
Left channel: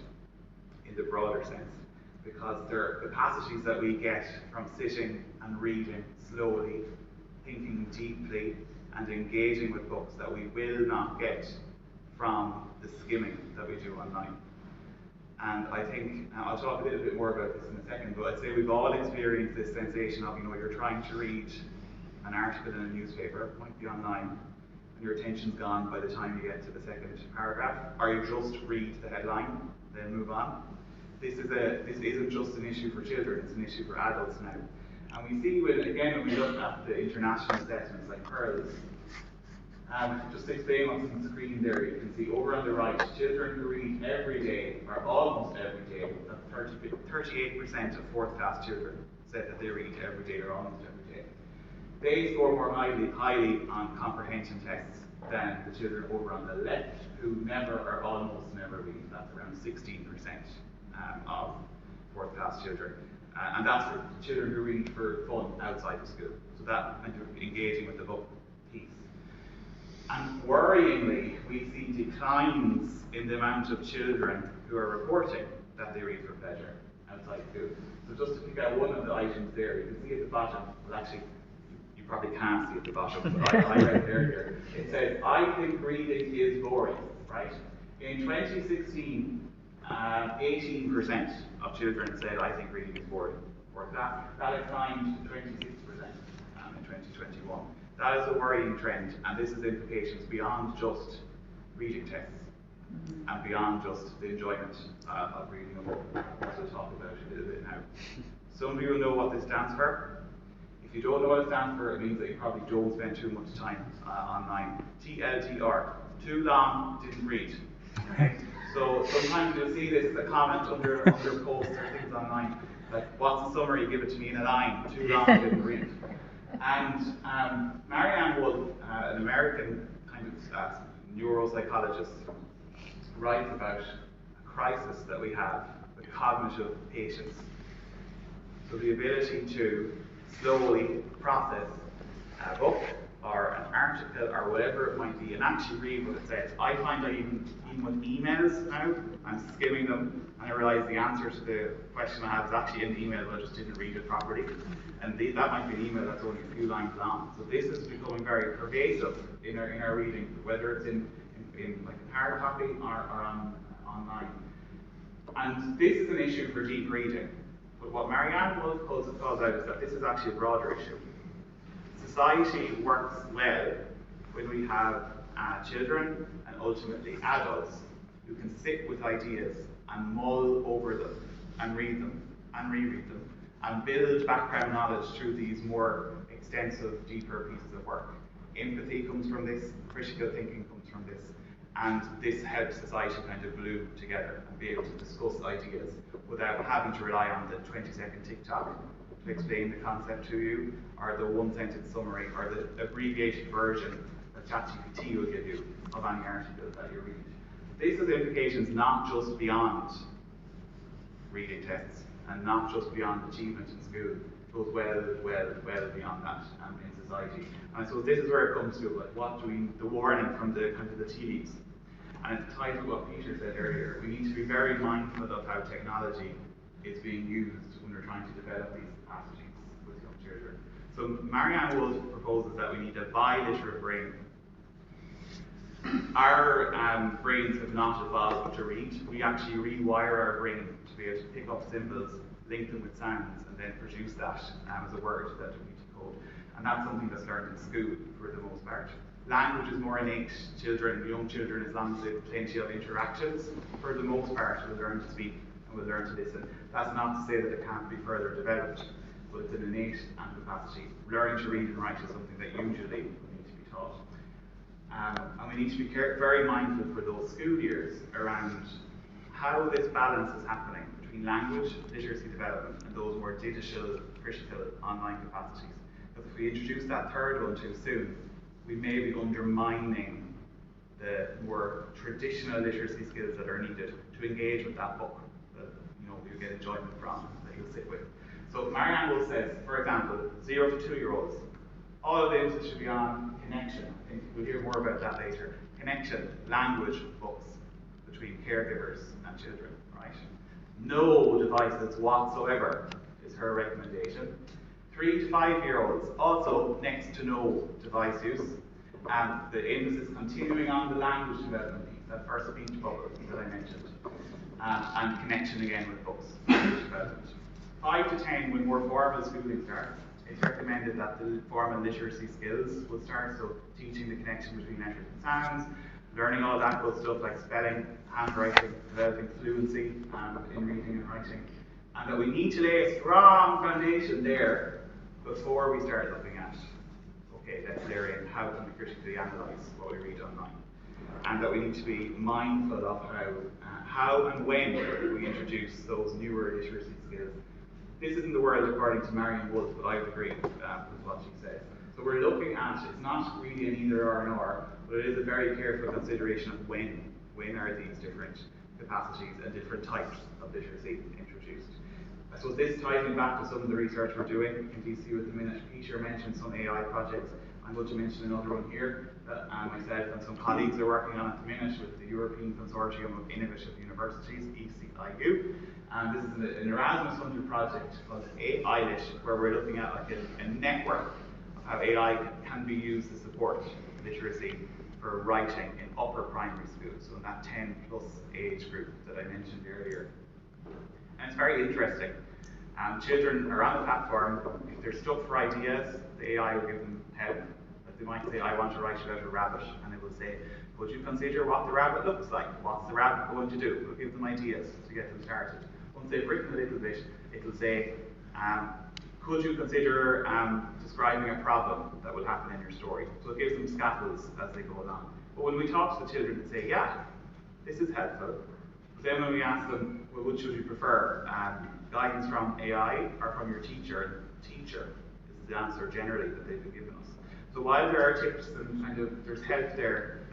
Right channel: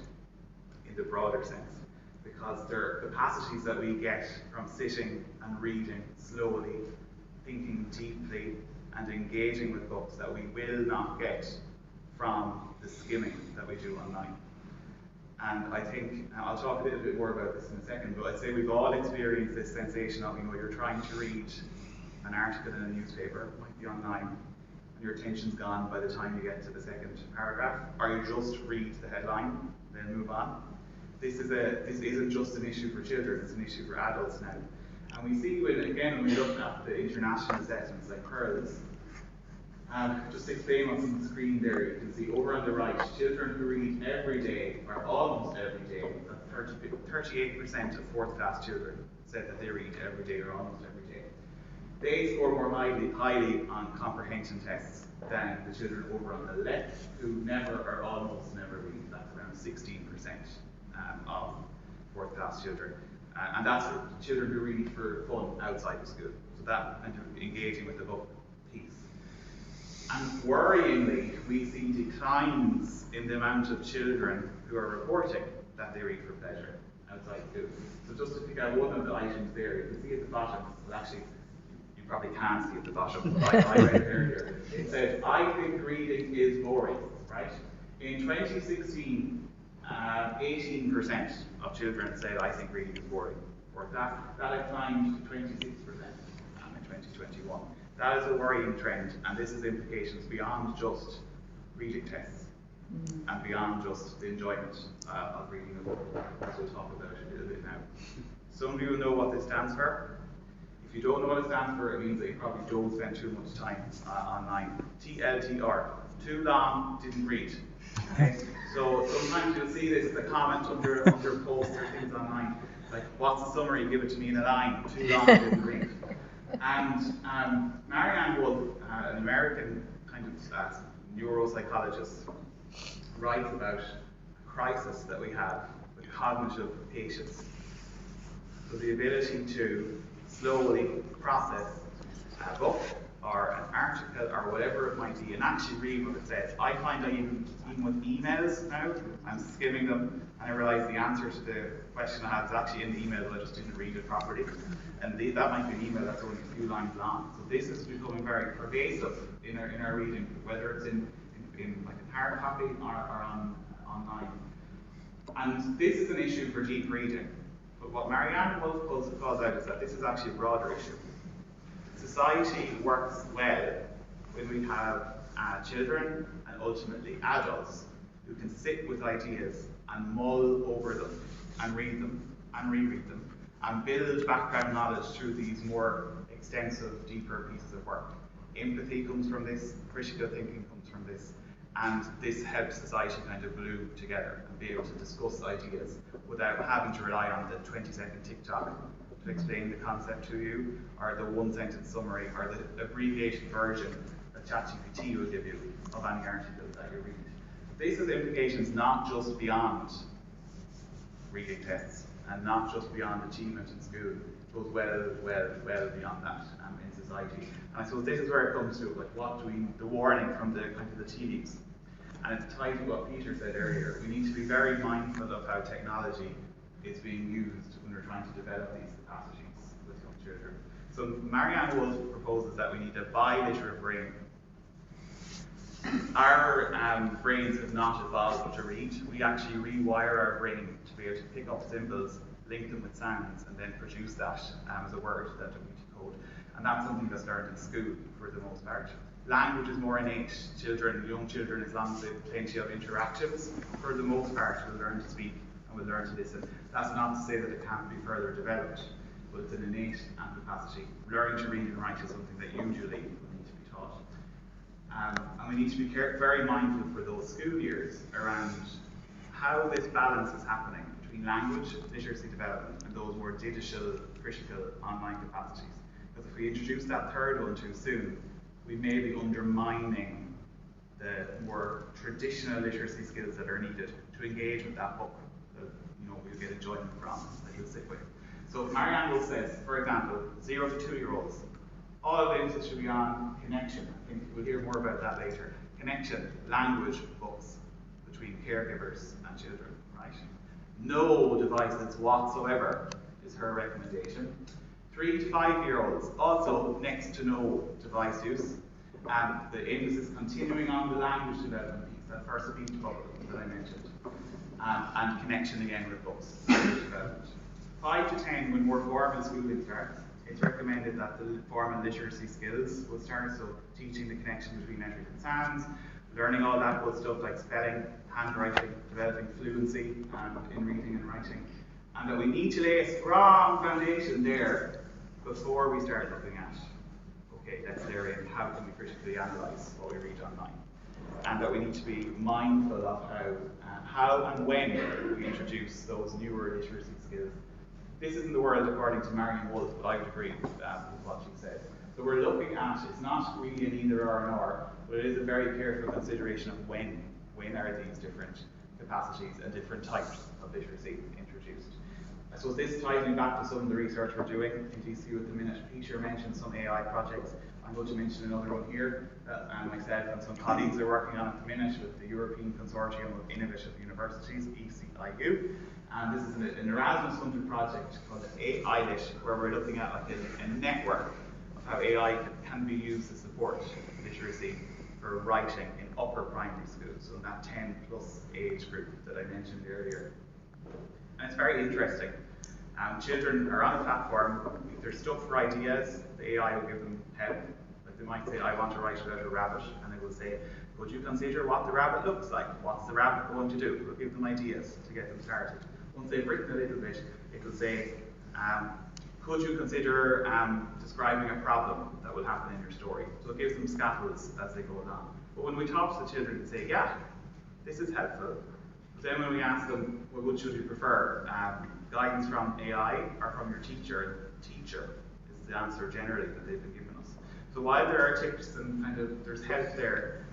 in the broader sense, because there are capacities that we get from sitting and reading slowly, thinking deeply, and engaging with books that we will not get from the skimming that we do online. And I think, I'll talk a little bit more about this in a second, but I'd say we've all experienced this sensation of, you're trying to read an article in a newspaper, it might be online, and your attention's gone by the time you get to the second paragraph, or you just read the headline, then move on. This isn't just an issue for children, it's an issue for adults now. And we see, when we look at the international assessments like PEARLS, just to explain what's on the screen there, you can see over on the right, children who read every day, or almost every day, 38% of fourth class children said that they read every day or almost every day. They score more highly on comprehension tests than the children over on the left, who never or almost never read. That's around 16% of fourth class children. And that's for children who read for fun outside of school. So that kind of engaging with the book piece. And worryingly, we see declines in the amount of children who are reporting that they read for pleasure outside school. So just to pick out one of the items there, you can see at the bottom, well actually, you probably can't see at the bottom, but I read it earlier. It says, I think reading is boring, right? In 2016, 18% of children said, I think reading is boring. Or that declined to 26% in 2021. That is a worrying trend, and this has implications beyond just reading tests and beyond just the enjoyment of reading a book, as we'll talk about a little bit now. Some of you will know what this stands for. If you don't know what it stands for, it means that you probably don't spend too much time online. TLDR, too long, didn't read. Okay? So sometimes you'll see this as a comment under posts or things online, like, what's the summary? Give it to me in a line. Too long, didn't read. And Marianne Wolf, an American kind of neuropsychologist, writes about a crisis that we have with cognitive patience. So the ability to slowly process a book or an article or whatever it might be and actually read what it says. I find that even with emails now, I'm skimming them and I realise the answer to the question I had is actually in the email, but I just didn't read it properly. And that might be an email that's only a few lines long. So this is becoming very pervasive in our reading, whether it's in like a hard copy or online. And this is an issue for deep reading. But what Marianne Wolf calls out is that this is actually a broader issue. Society works well when we have children and ultimately adults who can sit with ideas and mull over them and read them and reread them and build background knowledge through these more extensive, deeper pieces of work. Empathy comes from this, critical thinking comes from this, and this helps society kind of glue together and be able to discuss ideas without having to rely on the 20-second TikTok to explain the concept to you, or the one-sentence summary, or the abbreviated version that ChatGPT will give you of any article that you read. This has implications not just beyond reading tests and not just beyond achievement in school, it goes well beyond that in society. And I suppose this is where it comes to, like, the warning from the kind of the TVs. And it ties with what Peter said earlier. We need to be very mindful of how technology is being used when we're trying to develop these capacities with young children. So Marianne Wolf proposes that we need a biliterate brain. Our brains have not evolved to read. We actually rewire our brain to be able to pick up symbols, link them with sounds, and then produce that as a word that we decode. And that's something that's learned in school for the most part. Language is more innate. Young children, as long as they have plenty of interactions, for the most part, will learn to speak and will learn to listen. That's not to say that it can't be further developed, but it's an innate capacity. Learning to read and write is something that usually will need to be taught. And we need to be very mindful for those school years around how this balance is happening between language literacy development and those more digital, critical online capacities. Because if we introduce that third one too soon, we may be undermining the more traditional literacy skills that are needed to engage with that book that you get enjoyment from, that you'll sit with. So Marianne Wolf says, for example, 0 to 2-year-olds, all of the emphasis should be on connection. I think we'll hear more about that later. Connection, language, books between caregivers and children, right? No devices whatsoever is her recommendation. 3 to 5-year-olds, also next to no device use. And the emphasis continuing on the language development piece, that first speech bubble that I mentioned. And connection again with books, language development. 5 to 10, when more formal schooling starts, it's recommended that the formal literacy skills will start, so teaching the connection between letters and sounds, learning all that good stuff like spelling, handwriting, developing fluency in reading and writing. And that we need to lay a strong foundation there before we start looking at, okay, let's layer in how can we critically analyse what we read online. And that we need to be mindful of how and when we introduce those newer literacy skills. This isn't the world according to Marianne Wolf, but I would agree with what she said. So we're looking at, it's not really an either or nor, but it is a very careful consideration of when are these different capacities and different types of literacy introduced. I suppose this ties me back to some of the research we're doing in DCU at the minute. Peter mentioned some AI projects. I'm going to mention another one here that myself and some colleagues are working on at the minute with the European Consortium of Innovative Universities, ECIU. And this is an Erasmus-funded project called AILIT, where we're looking at like a network of how AI can be used to support literacy for writing in upper primary schools, so in that 10+ age group that I mentioned earlier. And it's very interesting. Children are on the platform. If they're stuck for ideas, the AI will give them help. Like they might say, I want to write about a rabbit, and it will say, could you consider what the rabbit looks like? What's the rabbit going to do? We'll give them ideas to get them started. Once they've written a little bit, it will say, could you consider describing a problem that will happen in your story? So it gives them scaffolds as they go along. But when we talk to the children and say, yeah, this is helpful, but then when we ask them, well, which would you prefer? Guidance from AI or from your teacher? Teacher is the answer generally that they've been given us. So while there are tips and kind of there's help there,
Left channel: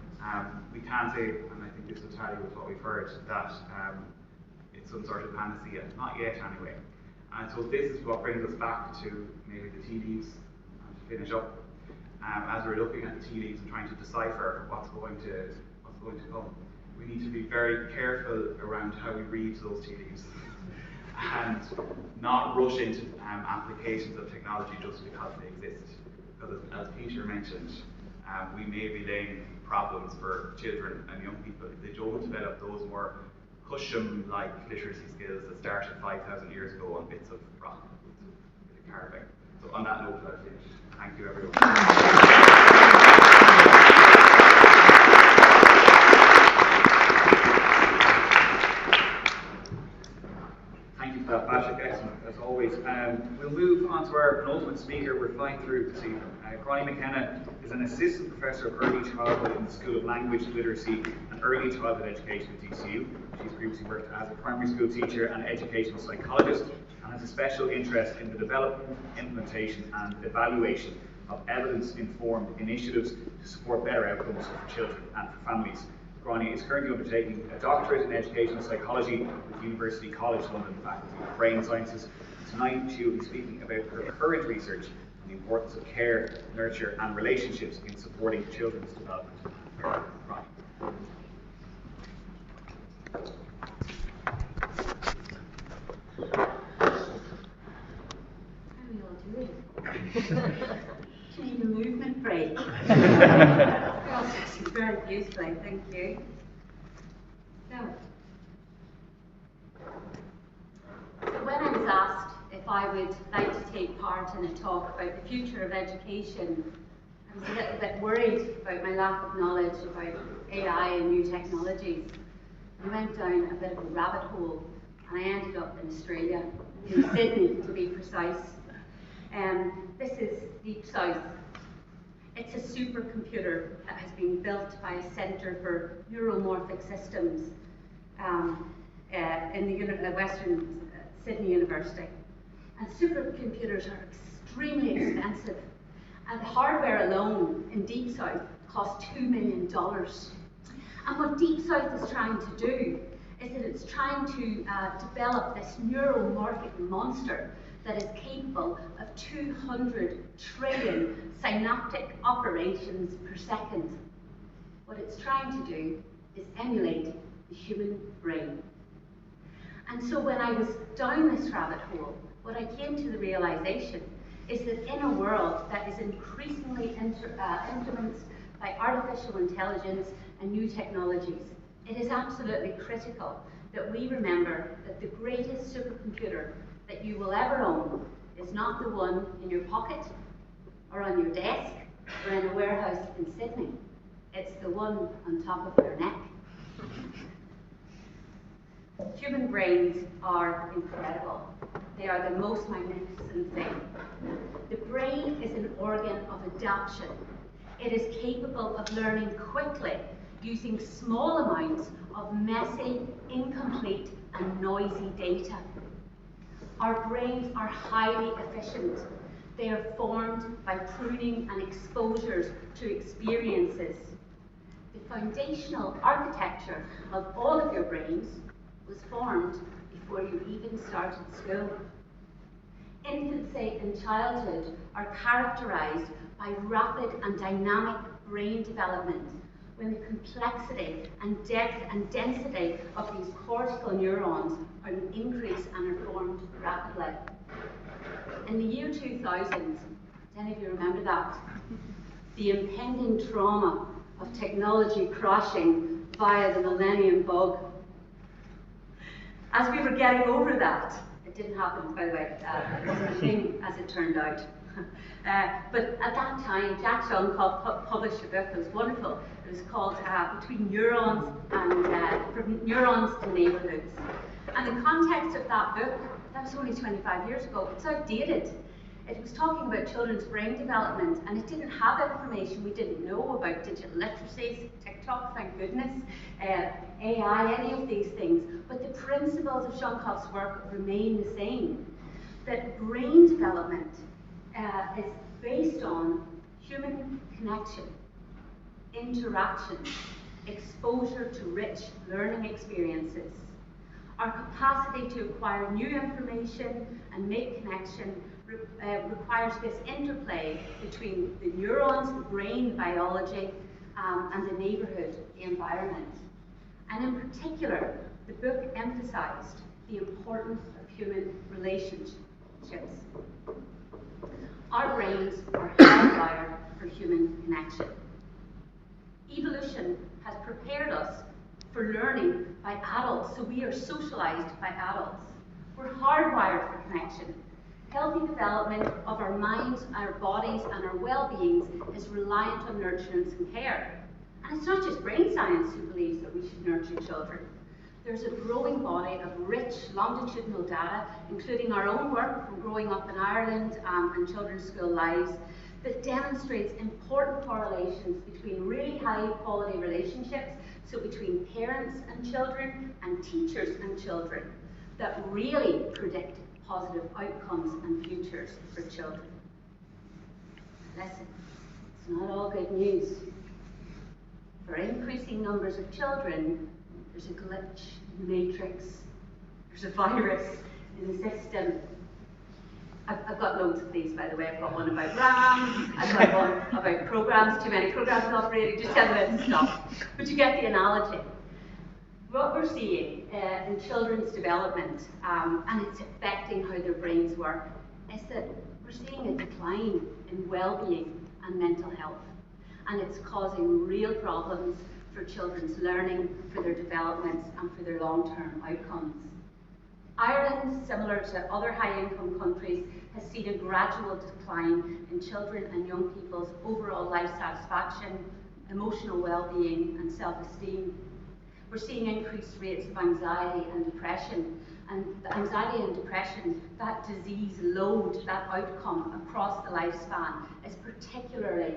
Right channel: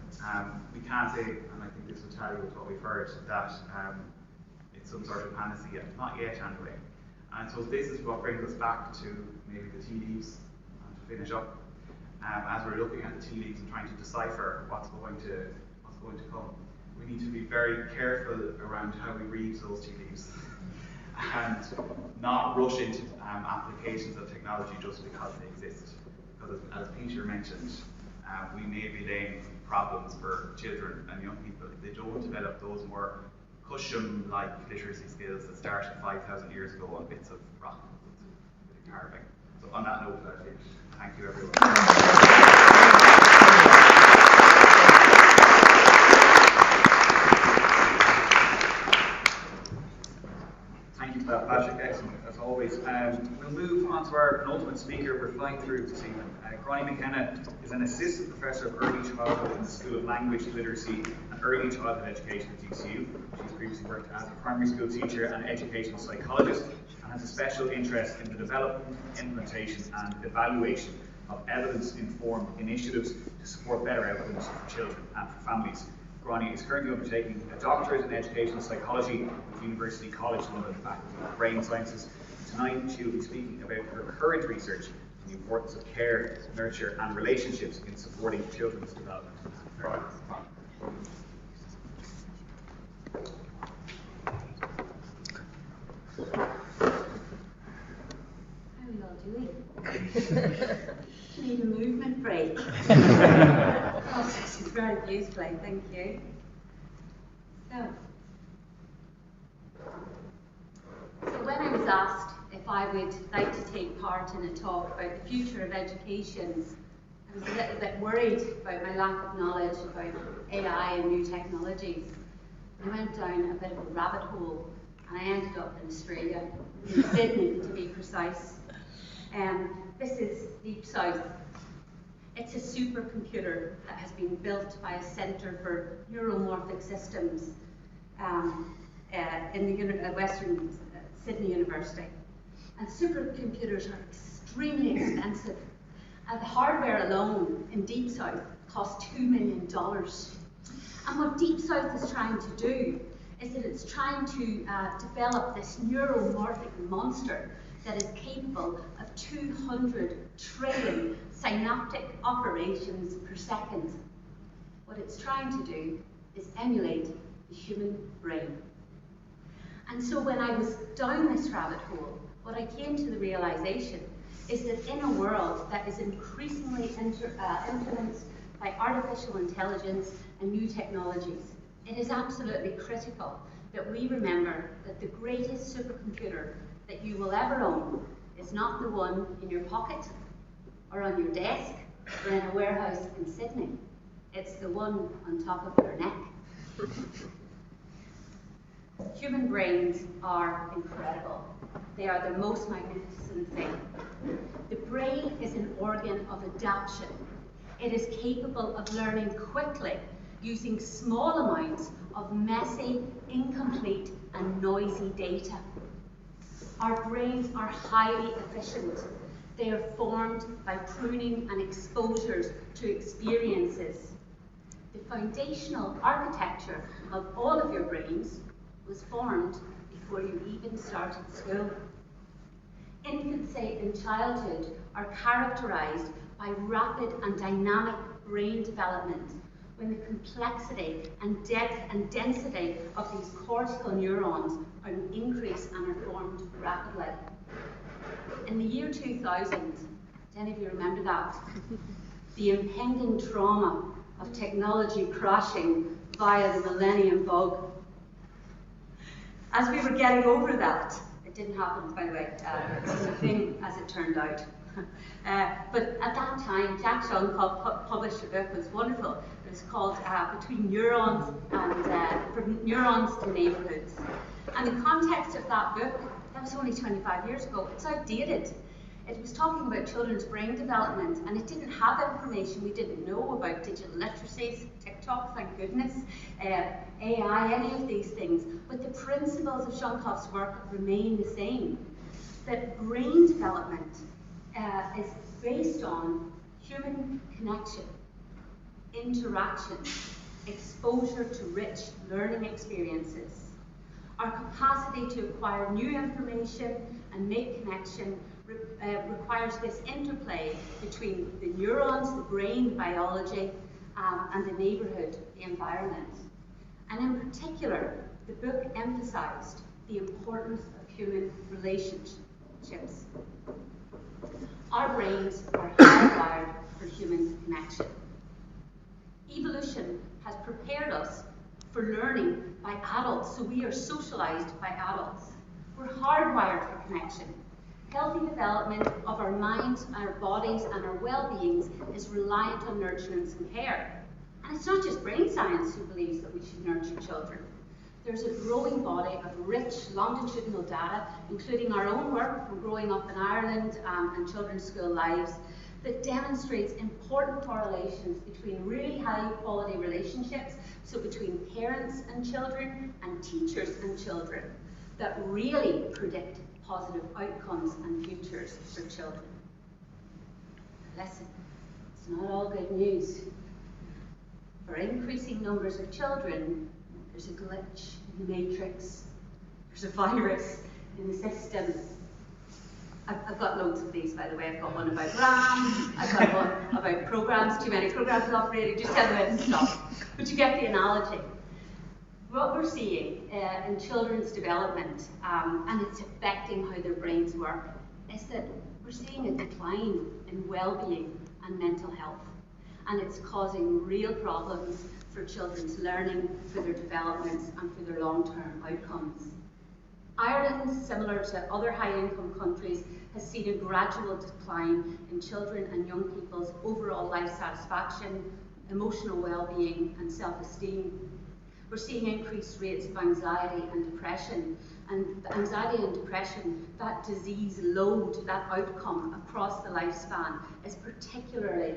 we can't say, and I think this will tally with what we've heard, that it's some sort of panacea. Not yet anyway. And so this is what brings us back to maybe the tea leaves, and to finish up. As we're looking at the tea leaves and trying to decipher what's going to come, we need to be very careful around how we read those tea leaves and not rush into applications of technology just because they exist. Because as Peter mentioned, we may be laying problems for children and young people if they don't develop those more cushion-like literacy skills that started 5,000 years ago on bits of rock with carving. So on that note, I think, thank you everyone. Thank you for that, Patrick. Excellent, as always. We'll move on to our penultimate speaker. We're flying through this evening. Brian McKenna is an assistant professor of early childhood in the School of Language, Literacy and Early Childhood Education at DCU. She's previously worked as a primary school teacher and educational psychologist and has a special interest in the development, implementation and evaluation of evidence-informed initiatives to support better outcomes for children and for families. Gráinne is currently undertaking a doctorate in educational psychology with University College London Faculty of Brain Sciences. Tonight she will be speaking about her current research on the importance of care, nurture and relationships in supporting children's development. How are you all doing? Need a movement break. Gosh, this is very useful, thank you. So when I was asked if I would like to take part in a talk about the future of education, I was a little bit worried about my lack of knowledge about AI and new technologies. I went down a bit of a rabbit hole and I ended up in Australia, in Sydney to be precise. This is Deep South. It's a supercomputer that has been built by a Centre for Neuromorphic Systems in the Western Sydney University. And supercomputers are extremely expensive. And the hardware alone in Deep South costs $2 million. And what Deep South is trying to do is that it's trying to develop this neuromorphic monster that is capable of 200 trillion synaptic operations per second. What it's trying to do is emulate the human brain. And so when I was down this rabbit hole, what I came to the realization is that in a world that is increasingly influenced by artificial intelligence and new technologies, it is absolutely critical that we remember that the greatest supercomputer that you will ever own is not the one in your pocket or on your desk or in a warehouse in Sydney. It's the one on top of your neck. Human brains are incredible. They are the most magnificent thing. The brain is an organ of adaptation. It is capable of learning quickly using small amounts of messy, incomplete, and noisy data. Our brains are highly efficient. They are formed by pruning and exposures to experiences. The foundational architecture of all of your brains was formed before you even started school. Infancy and childhood are characterized by rapid and dynamic brain development, when the complexity and depth and density of these cortical neurons are increased and are formed rapidly. In the year 2000, does any of you remember that? The impending trauma of technology crashing via the millennium bug. As we were getting over that, it didn't happen, by the way, it was a thing as it turned out. But at that time, Jack Shonkoff published a book that was wonderful. It was called Between Neurons and From Neurons to Neighborhoods. And the context of that book, that was only 25 years ago, it's outdated. It was talking about children's brain development, and it didn't have information we didn't know about digital literacies, TikTok, thank goodness, AI, any of these things. But the principles of Shonkoff's work remain the same. That brain development is based on human connection, interaction, exposure to rich learning experiences. Our capacity to acquire new information and make connection requires this interplay between the neurons, the brain, the biology, and the neighbourhood, the environment. And in particular, the book emphasised the importance of human relationships. Our brains are hardwired for human connection. Evolution has prepared us for learning by adults, so we are socialised by adults. We're hardwired for connection. Healthy development of our minds, our bodies, and our well-beings is reliant on nurturance and care. And it's not just brain science who believes that we should nurture children. There's a growing body of rich longitudinal data, including our own work from growing up in Ireland and children's school lives, that demonstrates important correlations between really high quality relationships, so between parents and children and teachers and children, that really predict positive outcomes and futures for children. Listen, it's not all good news. For increasing numbers of children, there's a glitch in the matrix, there's a virus in the system. I've got loads of these, by the way. I've got one about RAM, I've got one about programs, too many programs operating, just tell me to stop. But you get the analogy. What we're seeing in children's development, and it's affecting how their brains work, is that we're seeing a decline in well-being and mental health. And it's causing real problems for children's learning, for their developments, and for their long-term outcomes. Ireland, similar to other high-income countries, has seen a gradual decline in children and young people's overall life satisfaction, emotional well-being, and self-esteem. We're seeing increased rates of anxiety and depression. And the anxiety and depression, that disease load, that outcome across the lifespan, is particularly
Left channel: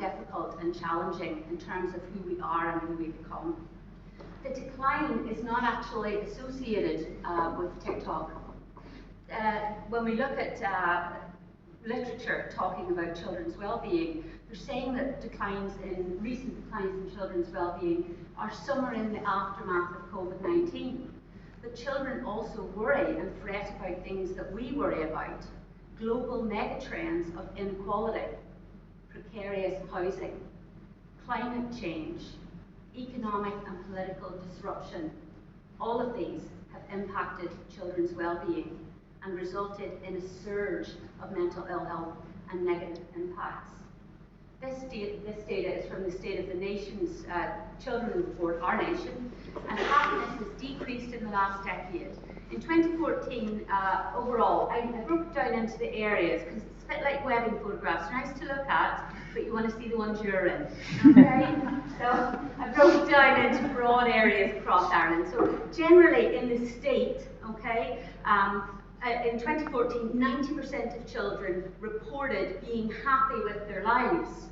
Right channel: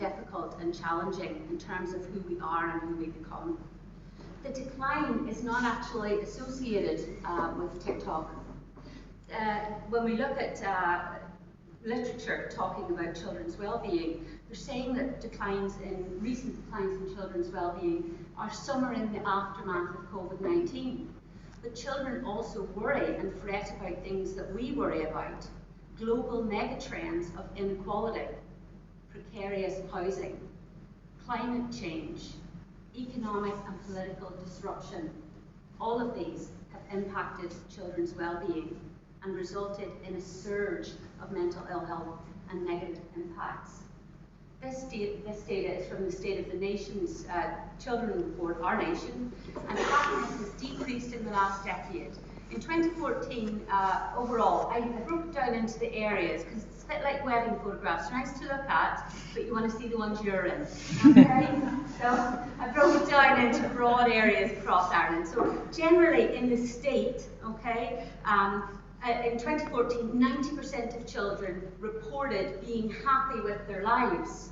difficult and challenging in terms of who we are and who we become. the decline is not actually associated with TikTok. When we look at literature talking about children's well-being, they're saying that recent declines in children's well-being are somewhere in the aftermath of COVID-19. But children also worry and fret about things that we worry about. Global megatrends of inequality, precarious housing, climate change, economic and political disruption. All of these have impacted children's well-being and resulted in a surge of mental ill health and negative impacts. This data is from the State of the Nation's Children Report, Our Nation, and happiness has decreased in the last decade. In 2014, overall, I broke it down into the areas, because it's a bit like wedding photographs, nice to look at, but you want to see the ones you're in, okay? So I broke it down into broad areas across Ireland. So generally in the state, okay, in 2014, 90% of children reported being happy with their lives.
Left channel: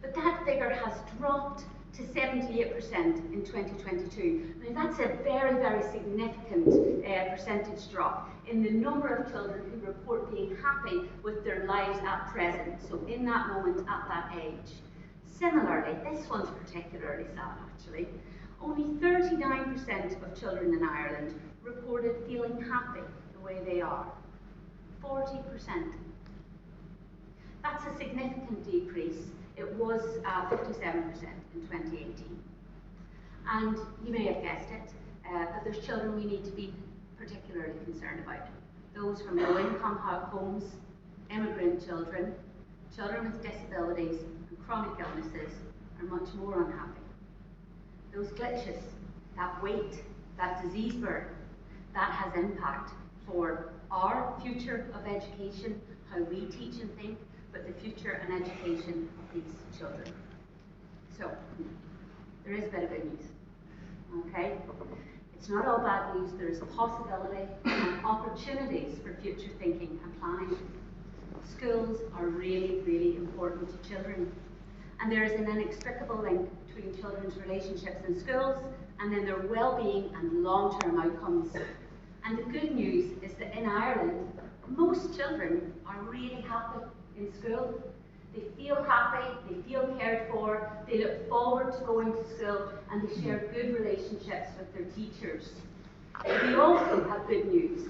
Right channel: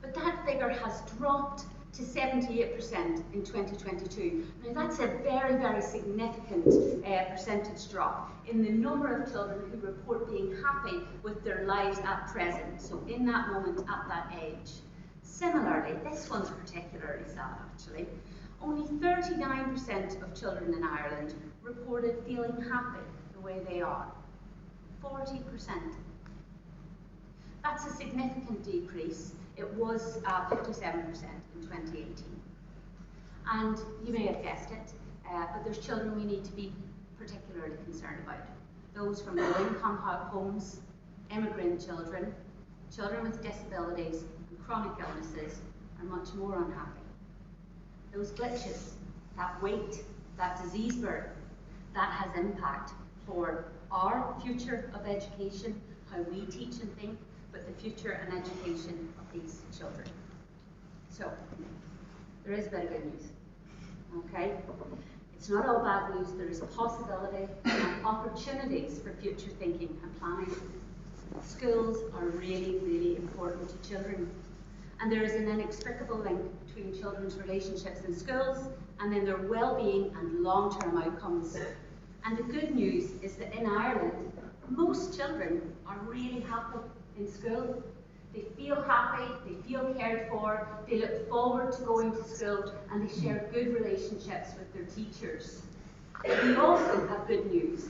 But that figure has dropped to 78% in 2022. Now that's a very, very significant percentage drop in the number of children who report being happy with their lives at present, so in that moment, at that age. Similarly, this one's particularly sad actually. Only 39% of children in Ireland reported feeling happy the way they are. 40%. That's a significant decrease. It was 57% in 2018. And you may have guessed it, but there's children we need to be particularly concerned about. Those from low-income homes, immigrant children, children with disabilities and chronic illnesses are much more unhappy. Those glitches, that weight, that disease burden, that has impact for our future of education, how we teach and think, but the future and education of these children. So, there is a bit of good news, okay? It's not all bad news. There is possibility and opportunities for future thinking and planning. Schools are really, really important to children. And there is an inextricable link between children's relationships in schools and then their well-being and long-term outcomes. And the good news is that in Ireland, most children are really happy in school. They feel happy, they feel cared for, they look forward to going to school, and they share good relationships with their teachers. We also have good news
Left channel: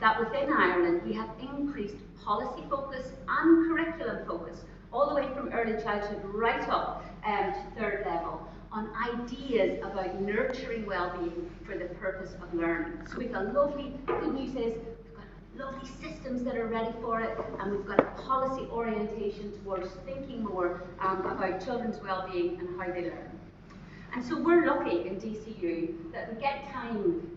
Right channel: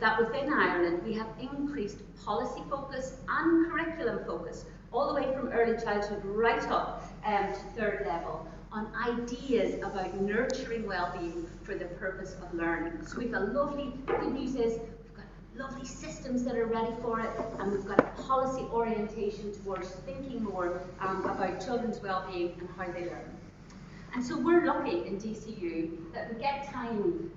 that within Ireland we have increased policy focus and curriculum focus, all the way from early childhood right up to third level, on ideas about nurturing well-being for the purpose of learning. So we've got good news is, lovely systems that are ready for it, and we've got a policy orientation towards thinking more about children's well-being and how they learn. And so we're lucky in DCU that we get time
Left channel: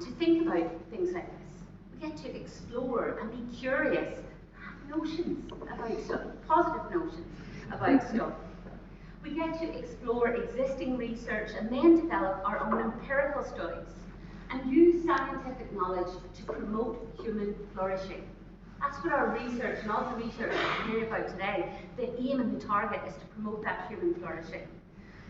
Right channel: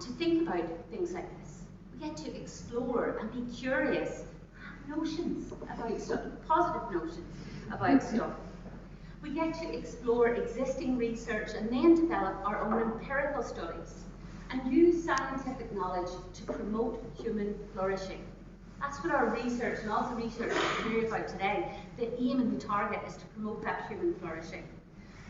to think about things like this. We get to explore and be curious, have notions about stuff, positive notions about stuff. We get to explore existing research and then develop our own empirical studies and use scientific knowledge to promote human flourishing. That's what our research and also research we'll hear about today, the aim and the target is to promote that human flourishing.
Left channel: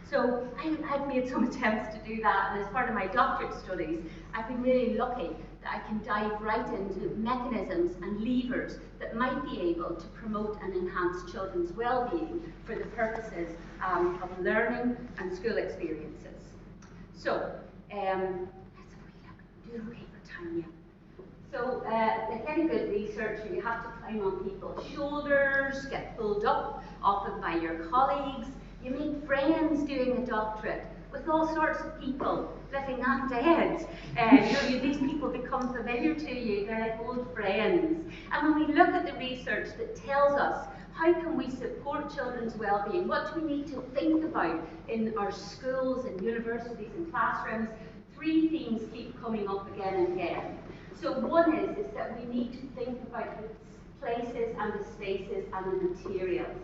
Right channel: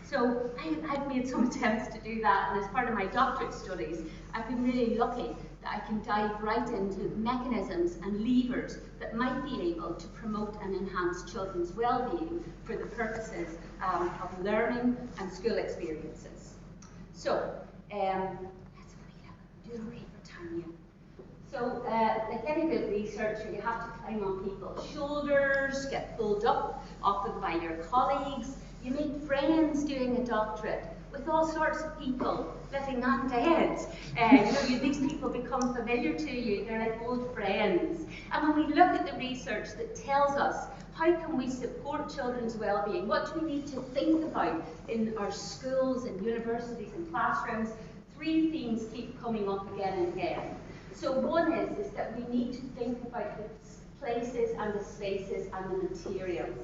So I've made some attempts to do that, and as part of my doctorate studies, I've been really lucky that I can dive right into mechanisms and levers that might be able to promote and enhance children's well-being for the purposes of learning and school experiences. So, you're okay for time, yeah. So, like any good researcher, you have to climb on people's shoulders, get pulled up, often by your colleagues. You make friends doing a doctorate with all sorts of people, living and dead. These people become familiar to you, they're like old friends. And when we look at the research that tells us how can we support children's well-being, what do we need to think about in our schools and universities and classrooms, three themes keep coming up again and again. So one is that we need to think about the places and the spaces and the materials.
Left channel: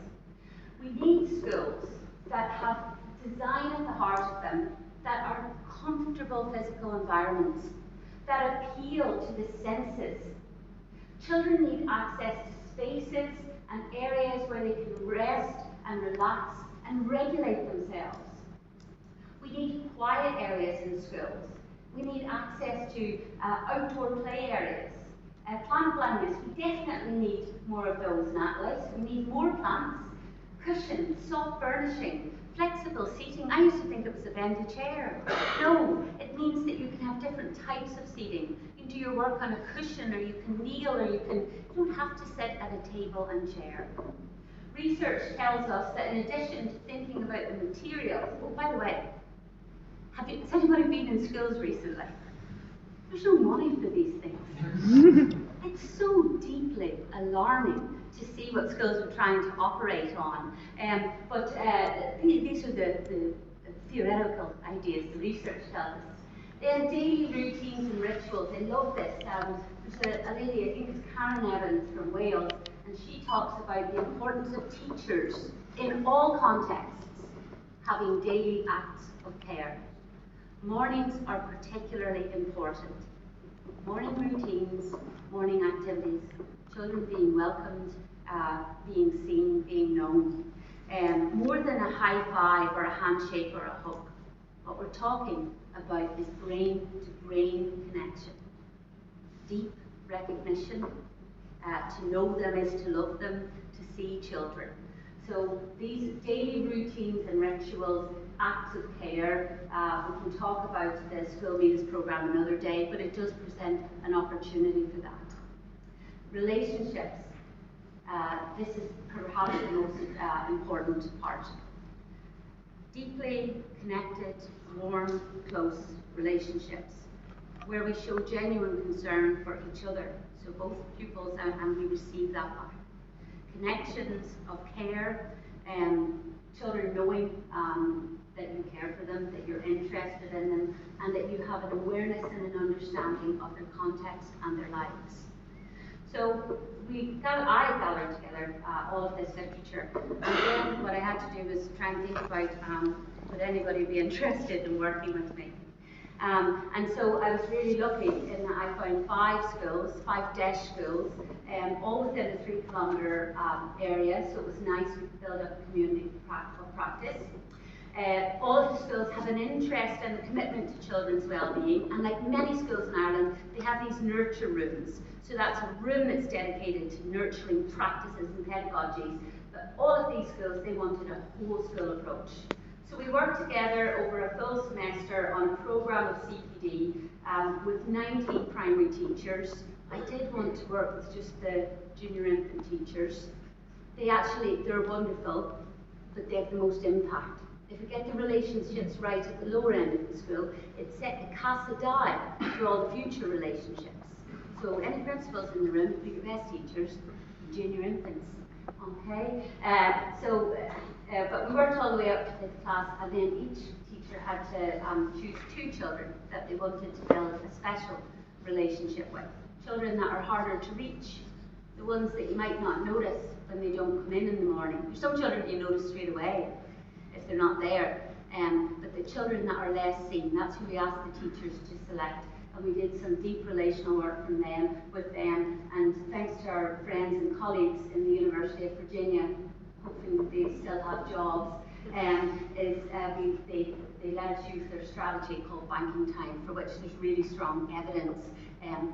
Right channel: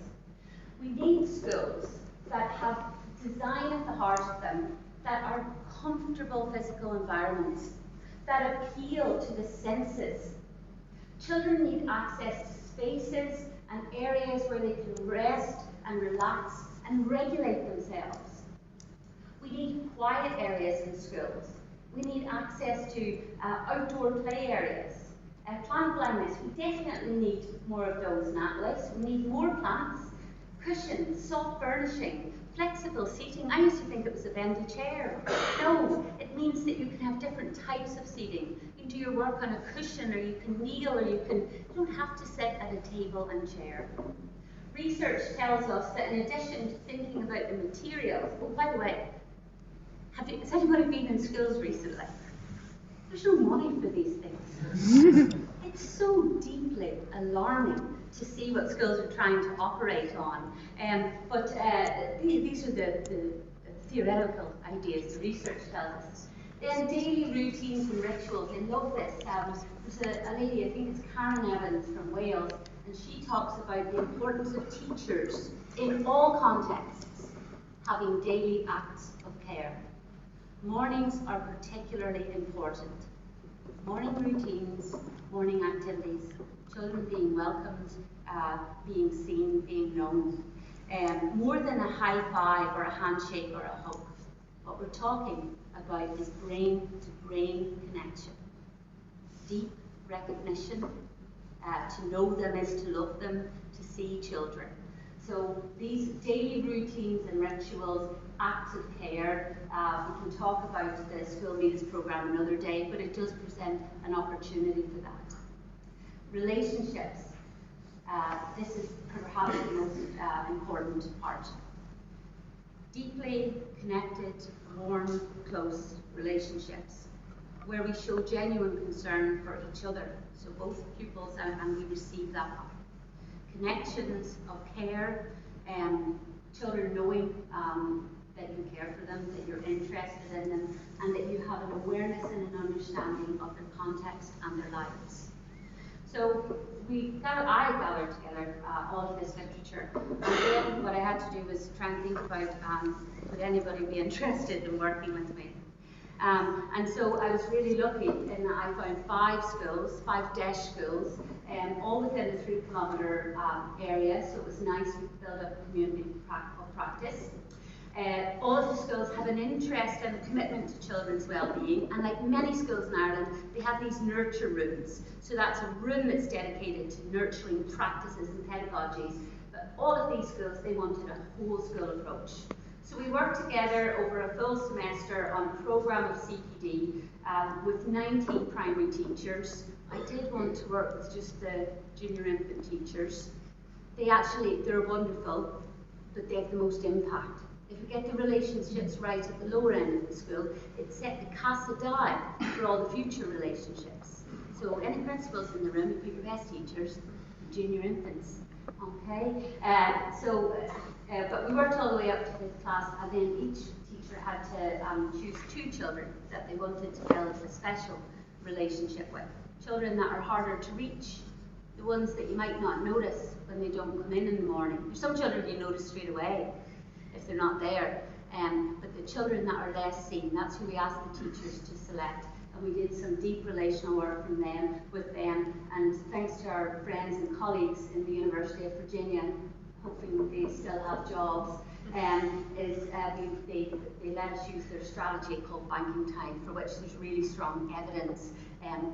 We need schools that have design at the heart of them, that are comfortable physical environments, that appeal to the senses. Children need access to spaces and areas where they can rest and relax and regulate themselves. We need quiet areas in schools. We need access to outdoor play areas. Plant blindness, we definitely need more of those in Atlas. We need more plants, cushions, soft furnishing, flexible seating. I used to think it was a bendy chair. No, it means that you can have different types of seating. You can do your work on a cushion, or you can kneel, or you don't have to sit at a table and chair. Research tells us that in addition to thinking about the materials, oh, by the way, has anybody been in schools recently? There's no money for these things. It's so deeply alarming to see what schools are trying to operate on. But these are the theoretical ideas the research tells us. Then daily routines and rituals. I love this. There's a lady, I think it's Karen Evans from Wales, and she talks about the importance of teachers in all contexts having daily acts of care. Mornings are particularly important. Morning routines, morning activities, children being welcomed, being seen, being known. More than a high five or a handshake or a hug. What we're talking about is brain-to-brain connection. Deep recognition. To know them is to love them, to see children. So these daily routines and rituals, acts of care, we can talk about the school meals programme another day, but it does present an opportunity for that. Relationships. This is perhaps the most important part. Deeply connected, warm, close relationships, where we show genuine concern for each other. So both pupils and we receive that back. Connections of care, children knowing that you care for them, that you're interested in them, and that you have an awareness and an understanding of their context and their lives. So I gathered together all of this literature, and then what I had to do was try and think about would anybody be interested in working with me. And so I was really lucky in that I found 5 DESH schools, all within a 3-kilometre area, so it was nice. We could build up a community of practice. All of the schools have an interest and a commitment to children's well-being, and like many schools in Ireland, they have these nurture rooms. So that's a room that's dedicated to nurturing practices and pedagogies. But all of these schools, they wanted a whole school approach. So we worked together over a full semester on a programme of CPD with 19 primary teachers. I did want to work with just the junior infant teachers. They're wonderful, but they have the most impact. If we get the relationships right at the lower end of the school, it set the casa die for all the future relationships. So any principals in the room, put your best teachers, junior infants, okay? But we worked all the way up to 5th class, and then each teacher had to choose 2 children that they wanted to build a special relationship with. Children that are harder to reach, the ones that you might not notice when they don't come in the morning. There's some children you notice straight away if they're not there, but the children that are less seen, that's who we asked the teachers to select. And we did some deep relational work with them, and thanks to our friends and colleagues in the University of Virginia, hopefully they still have jobs, they let us use their strategy called banking time, for which there's really strong evidence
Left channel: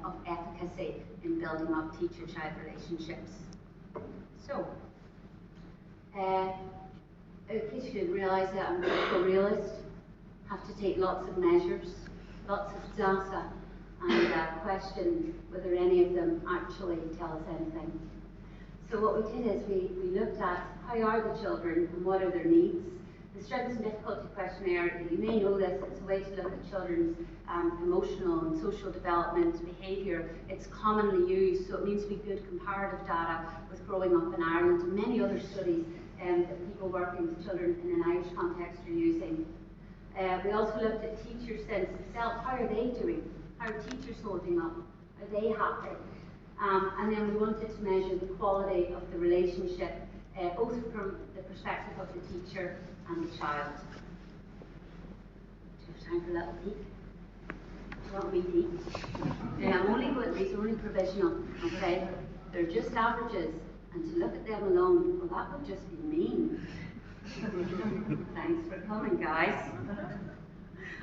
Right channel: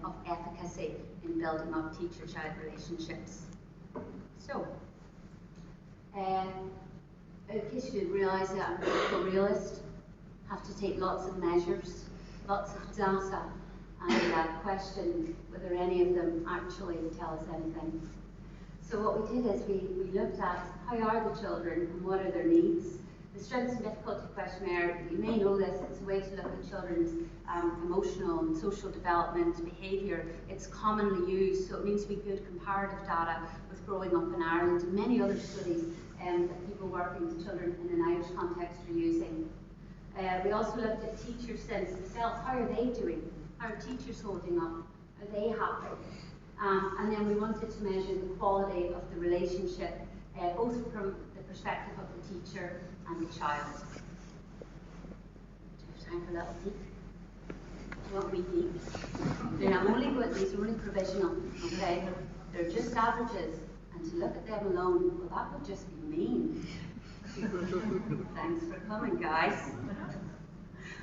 of efficacy in building up teacher-child relationships. So, in case you didn't realise that I'm a political realist, have to take lots of measures, lots of data, and question whether any of them actually tell us anything. So what we did is we looked at how are the children and what are their needs. The Strengths and Difficulty Questionnaire, you may know this, it's a way to look at children's emotional and social development, behaviour. It's commonly used, so it means to be good comparative data with growing up in Ireland and many other studies that people working with children in an Irish context are using. We also looked at teacher sense themselves. How are they doing? How are teachers holding up? Are they happy? And then we wanted to measure the quality of the relationship, both from the perspective of the teacher and the child. Do you have time for a little peek? Do you want me peek? Yeah, these are only provisional, okay? They're just averages, and to look at them alone, well, that would just be mean. Thanks for coming, guys.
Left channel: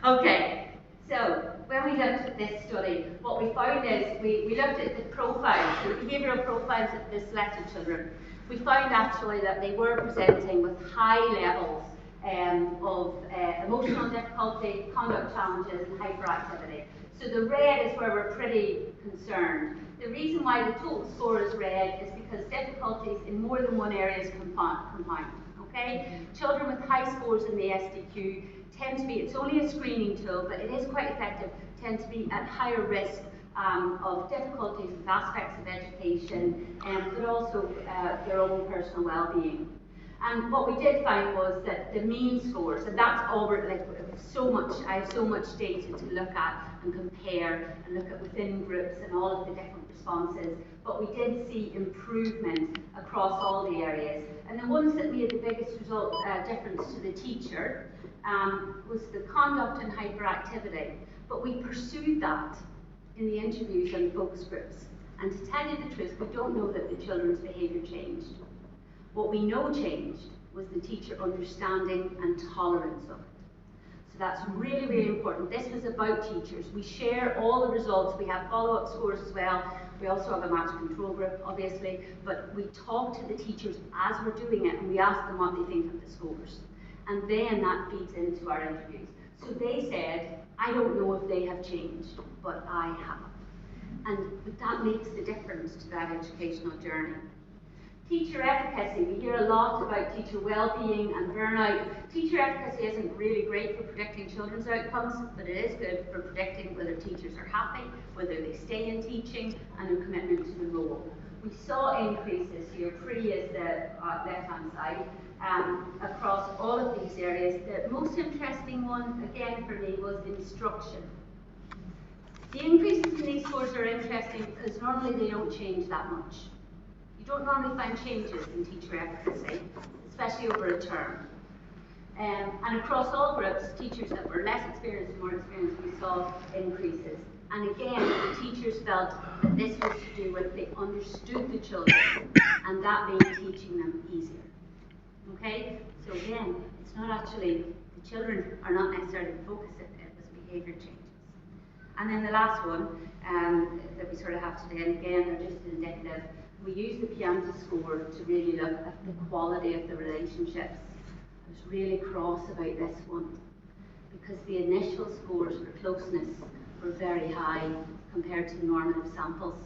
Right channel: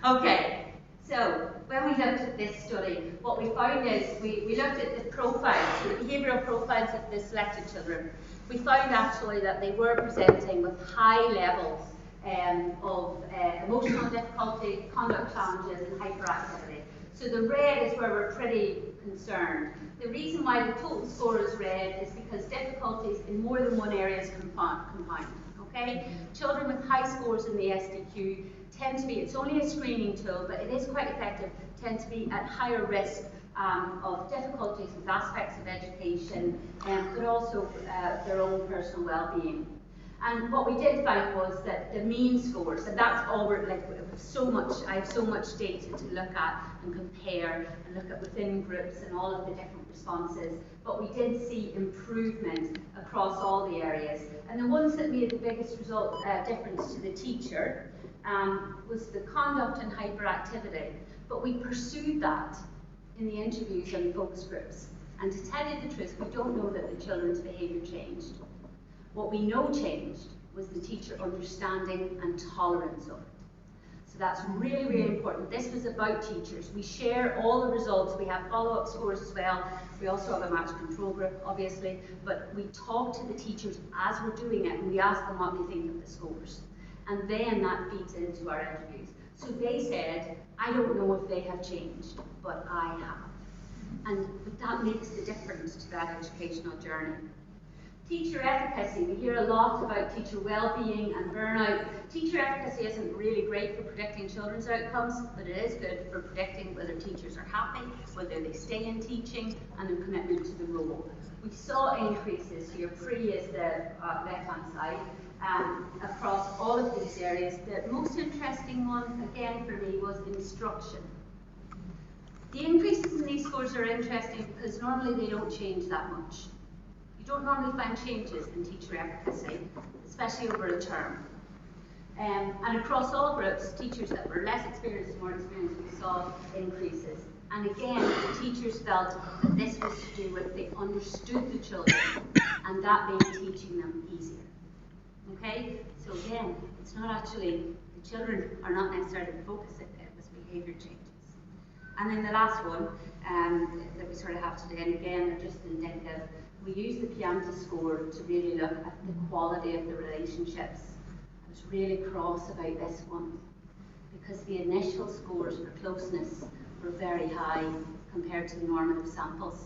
Okay, so when we looked at this study, what we found is we looked at the profiles, the behavioural profiles of the selected children. We found actually that they were presenting with high levels of emotional difficulty, conduct challenges, and hyperactivity. So the red is where we're pretty concerned. The reason why the total score is red is because difficulties in more than one area is compound. Okay? Children with high scores in the SDQ tend to be, it's only a screening tool, but it is quite effective, tend to be at higher risk of difficulties with aspects of education, but also their own personal well-being. And what we did find was that the mean scores, and that's all we're like, I have so much data to look at and compare and look at within groups and all of the different responses, but we did see improvement across all the areas. And the ones that made the biggest difference to the teacher was the conduct and hyperactivity. But we pursued that in the interviews and focus groups. And to tell you the truth, we don't know that the children's behaviour changed. What we know changed was the teacher understanding and tolerance of it. So that's really, really important. This was about teachers. We share all the results. We have follow-up scores as well. We also have a match control group, obviously, but we talk to the teachers as we're doing it, and we ask them what they think of the scores. And then that feeds into our interviews. So they said, I don't know if they have changed, but I have. And that makes the difference to that educational journey. Teacher efficacy, we hear a lot about teacher well-being and burnout. Teacher efficacy isn't really great for predicting children's outcomes, but it is good for predicting whether teachers are happy, whether they stay in teaching, and their commitment to the role. We saw increases here, pre is the left-hand side, across all of these areas. The most interesting one, again for me, was instruction. The increases in these scores are interesting because normally they don't change that much. You don't normally find changes in teacher efficacy, especially over a term. And across all groups, teachers that were less experienced and more experienced, we saw increases. And again, the teachers felt that this was to do with they understood the children, and that made teaching them easier. Okay? So again, it's not actually, the children are not necessarily the focus, it was behaviour changes. And then the last one that we sort of have today, and again, they're just indicative. We use the Pianta score to really look at the quality of the relationships. I was really cross about this one because the initial scores for closeness were very high compared to the normative samples.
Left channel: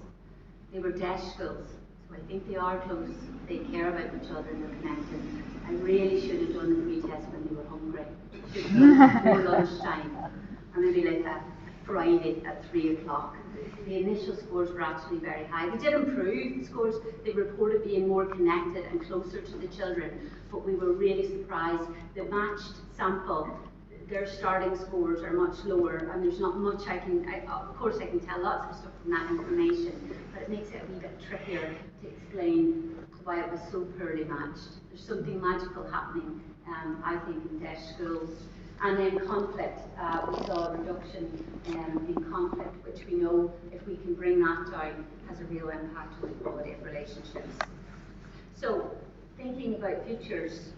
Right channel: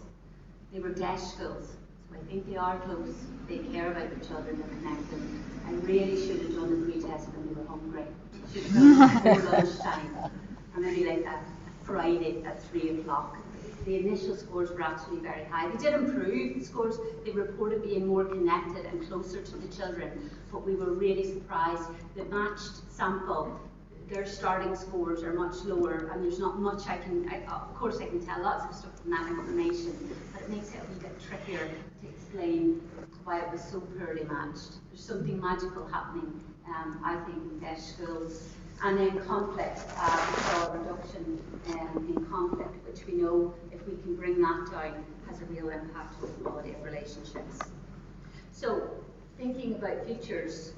They were DESH schools, so I think they are close. They care about the children, they're connected. I really should have done the pre-test when they were hungry. Should have done it before lunchtime, or maybe like a Friday at 3 o'clock. The initial scores were actually very high. They did improve the scores. They reported being more connected and closer to the children, but we were really surprised. The matched sample, their starting scores are much lower, and there's not much of course I can tell lots of stuff from that information, but it makes it a wee bit trickier to explain why it was so poorly matched. There's something magical happening, I think, in DESH schools. And then conflict, we saw a reduction in conflict, which we know if we can bring that down has a real impact on the quality of relationships. So, thinking about futures,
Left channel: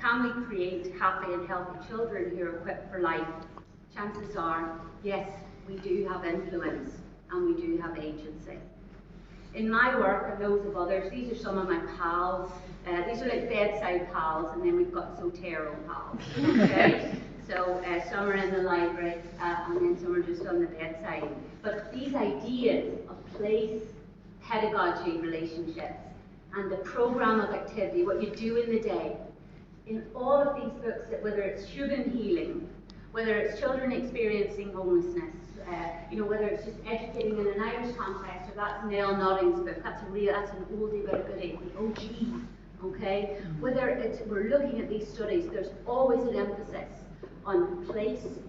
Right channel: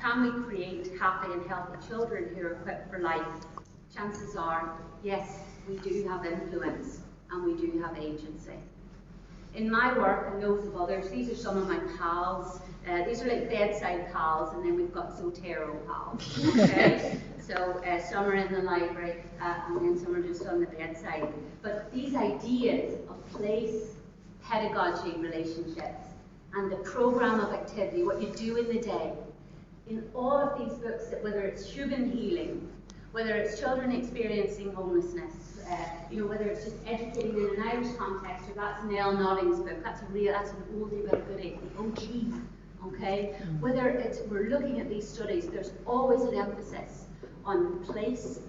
can we create happy and healthy children who are equipped for life? Chances are, yes, we do have influence and we do have agency. In my work and those of others, these are some of my pals. These are like bedside pals, and then we've got Zotero pals. Okay? So some are in the library, and then some are just on the bedside. But these ideas of place, pedagogy, relationships, and the program of activity, what you do in the day, in all of these books, that whether it's human healing, whether it's children experiencing homelessness, whether it's just educating in an Irish context, or that's Nell Nodding's book, that's an oldie but a goodie, the OG, okay? Whether it's, we're looking at these studies, there's always an emphasis on place,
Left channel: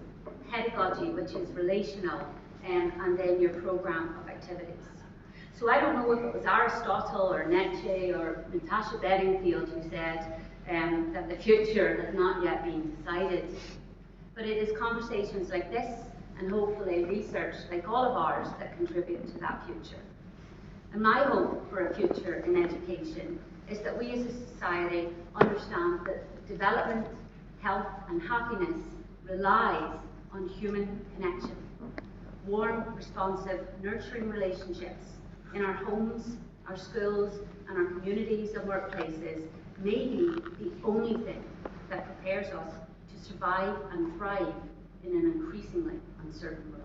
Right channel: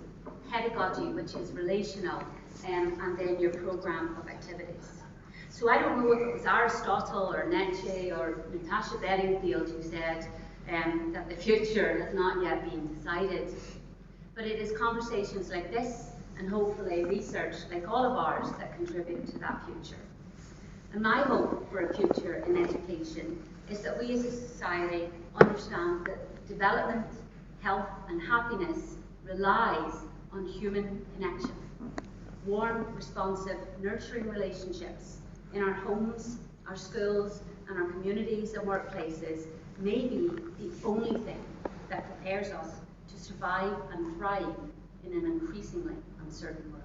pedagogy, which is relational, and then your program of activities. So I don't know if it was Aristotle or Nietzsche or Natasha Bedingfield who said that the future has not yet been decided. But it is conversations like this, and hopefully research like all of ours, that contribute to that future. And my hope for a future in education is that we as a society understand that development, health and happiness relies on human connection. Warm, responsive, nurturing relationships in our homes, our schools, and our communities and workplaces may be the only thing that prepares us to survive and thrive in an increasingly uncertain world.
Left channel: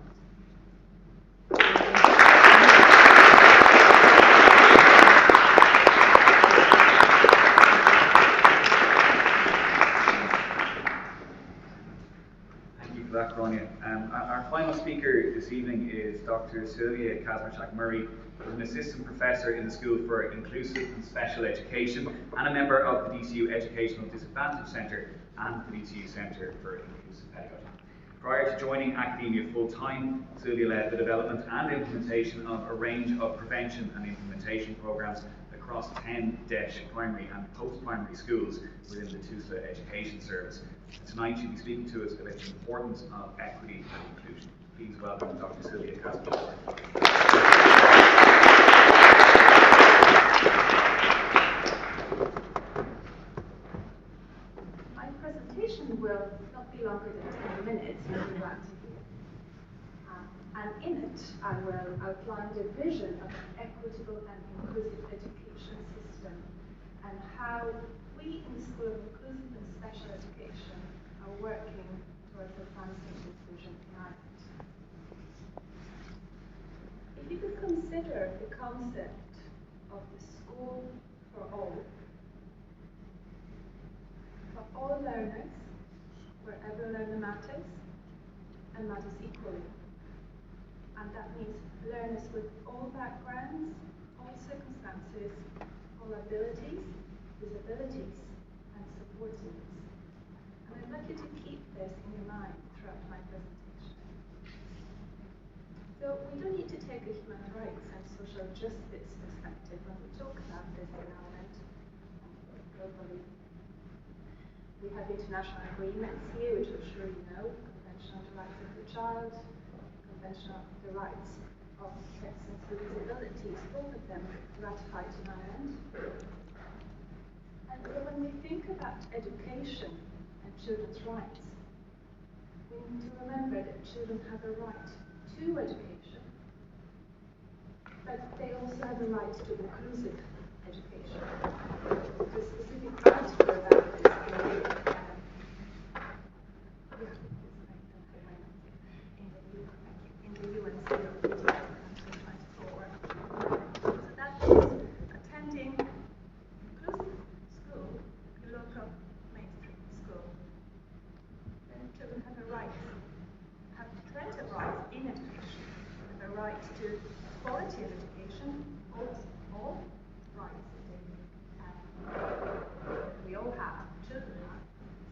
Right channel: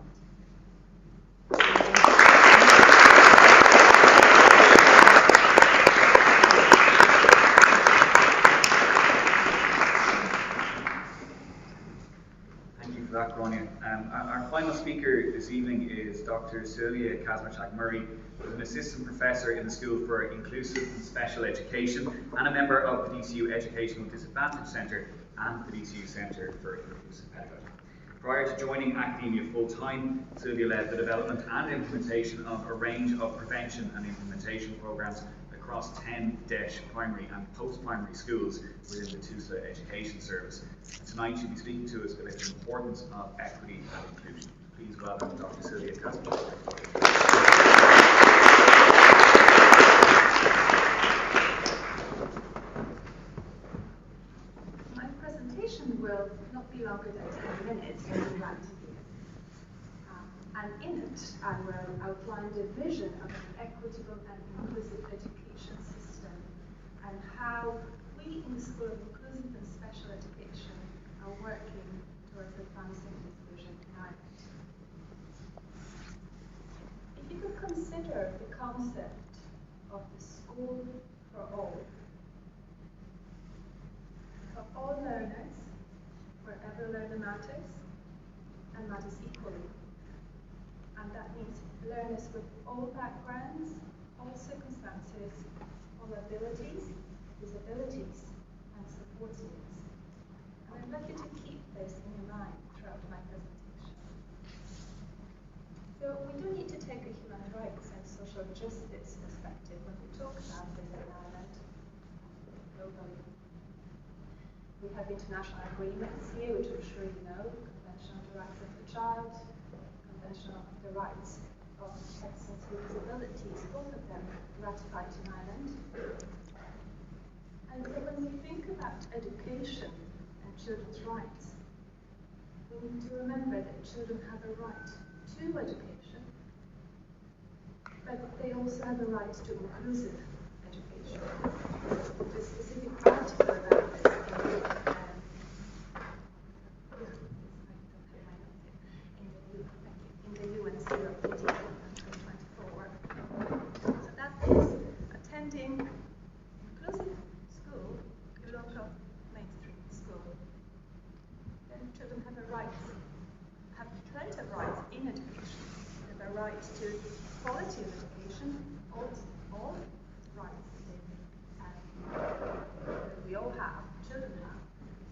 Thank you for that, Gráinne. Our final speaker this evening is Dr. Sylvia Kazmarchak-Murray, who is an assistant professor in the School for Inclusive and Special Education and a member of the DCU Educational Disadvantage Centre and the DCU Centre for Inclusive Pedagogy. Prior to joining academia full-time, Sylvia led the development and implementation of a range of prevention and implementation programmes across 10 DESH primary and post-primary schools within the TUSLA Education Service. Tonight she'll be speaking to us about the importance of equity and inclusion. Please welcome Dr. Sylvia Kazmarchak. My presentation will not be longer than 10 minutes, you'll be glad to hear. And in it, I will outline the vision of an equitable and inclusive education system and how we in the School of Inclusive and Special Education are working towards advancing this vision in Ireland. If you could consider the concept of the school for all learners, wherever learner matters, and matters equally. And that means learners with all backgrounds, all circumstances, all abilities, disabilities, and support needs. And I'd like you to keep this in your mind throughout my presentation. So we do need to take a human rights and social justice perspective when we talk about this in Ireland globally. We have international agreements here, which I'm sure you know, Convention on the Rights of the Child, Convention on the Rights of Persons with Disabilities, both of them ratified in Ireland. And so when we think about education and children's rights, we need to remember that children have a right to education, but they also have a right to inclusive education. The specific article about this in the UNC report 2024. So that is attending inclusive school, a local mainstream school. Then children have a right, have plenty of rights in education. They have a right to quality of education, all rights that we all have, children have,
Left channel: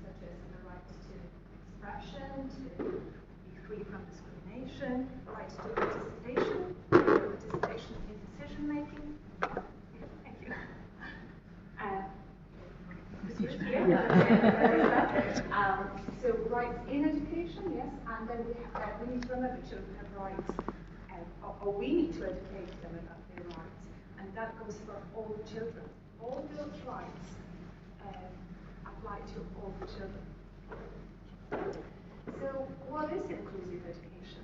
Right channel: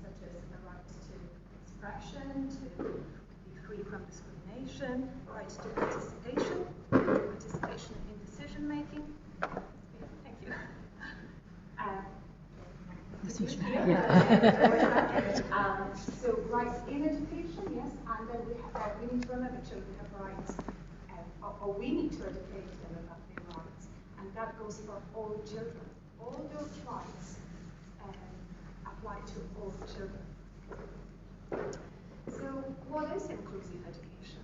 such as the right to expression, to be free from discrimination, right to participation in decision making. Thank you. So rights in education, yes, and then we need to remember children have rights, or we need to educate them about their rights, and that goes for all children. All those rights apply to all children. So what is inclusive education?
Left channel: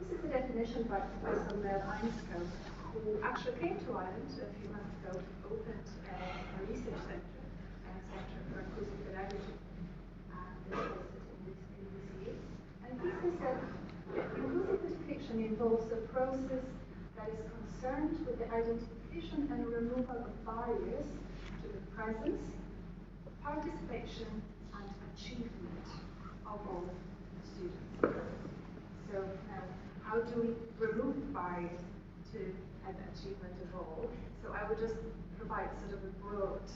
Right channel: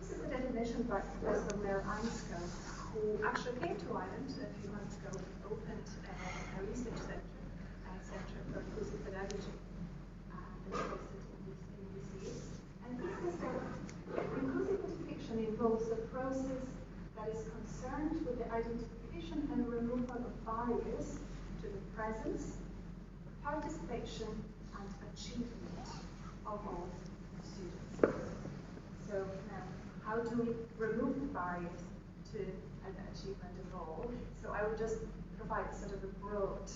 This is a definition by Professor Mel Einstein, who actually came to Ireland a few months ago, opened a research center and a center for inclusive pedagogy that's hosted in DCU. And he says that inclusive education involves a process that is concerned with the identification and removal of barriers to the presence, participation, and achievement of all students. So now, how do we remove barriers to an achievement of all? So I will just provide sort of a broad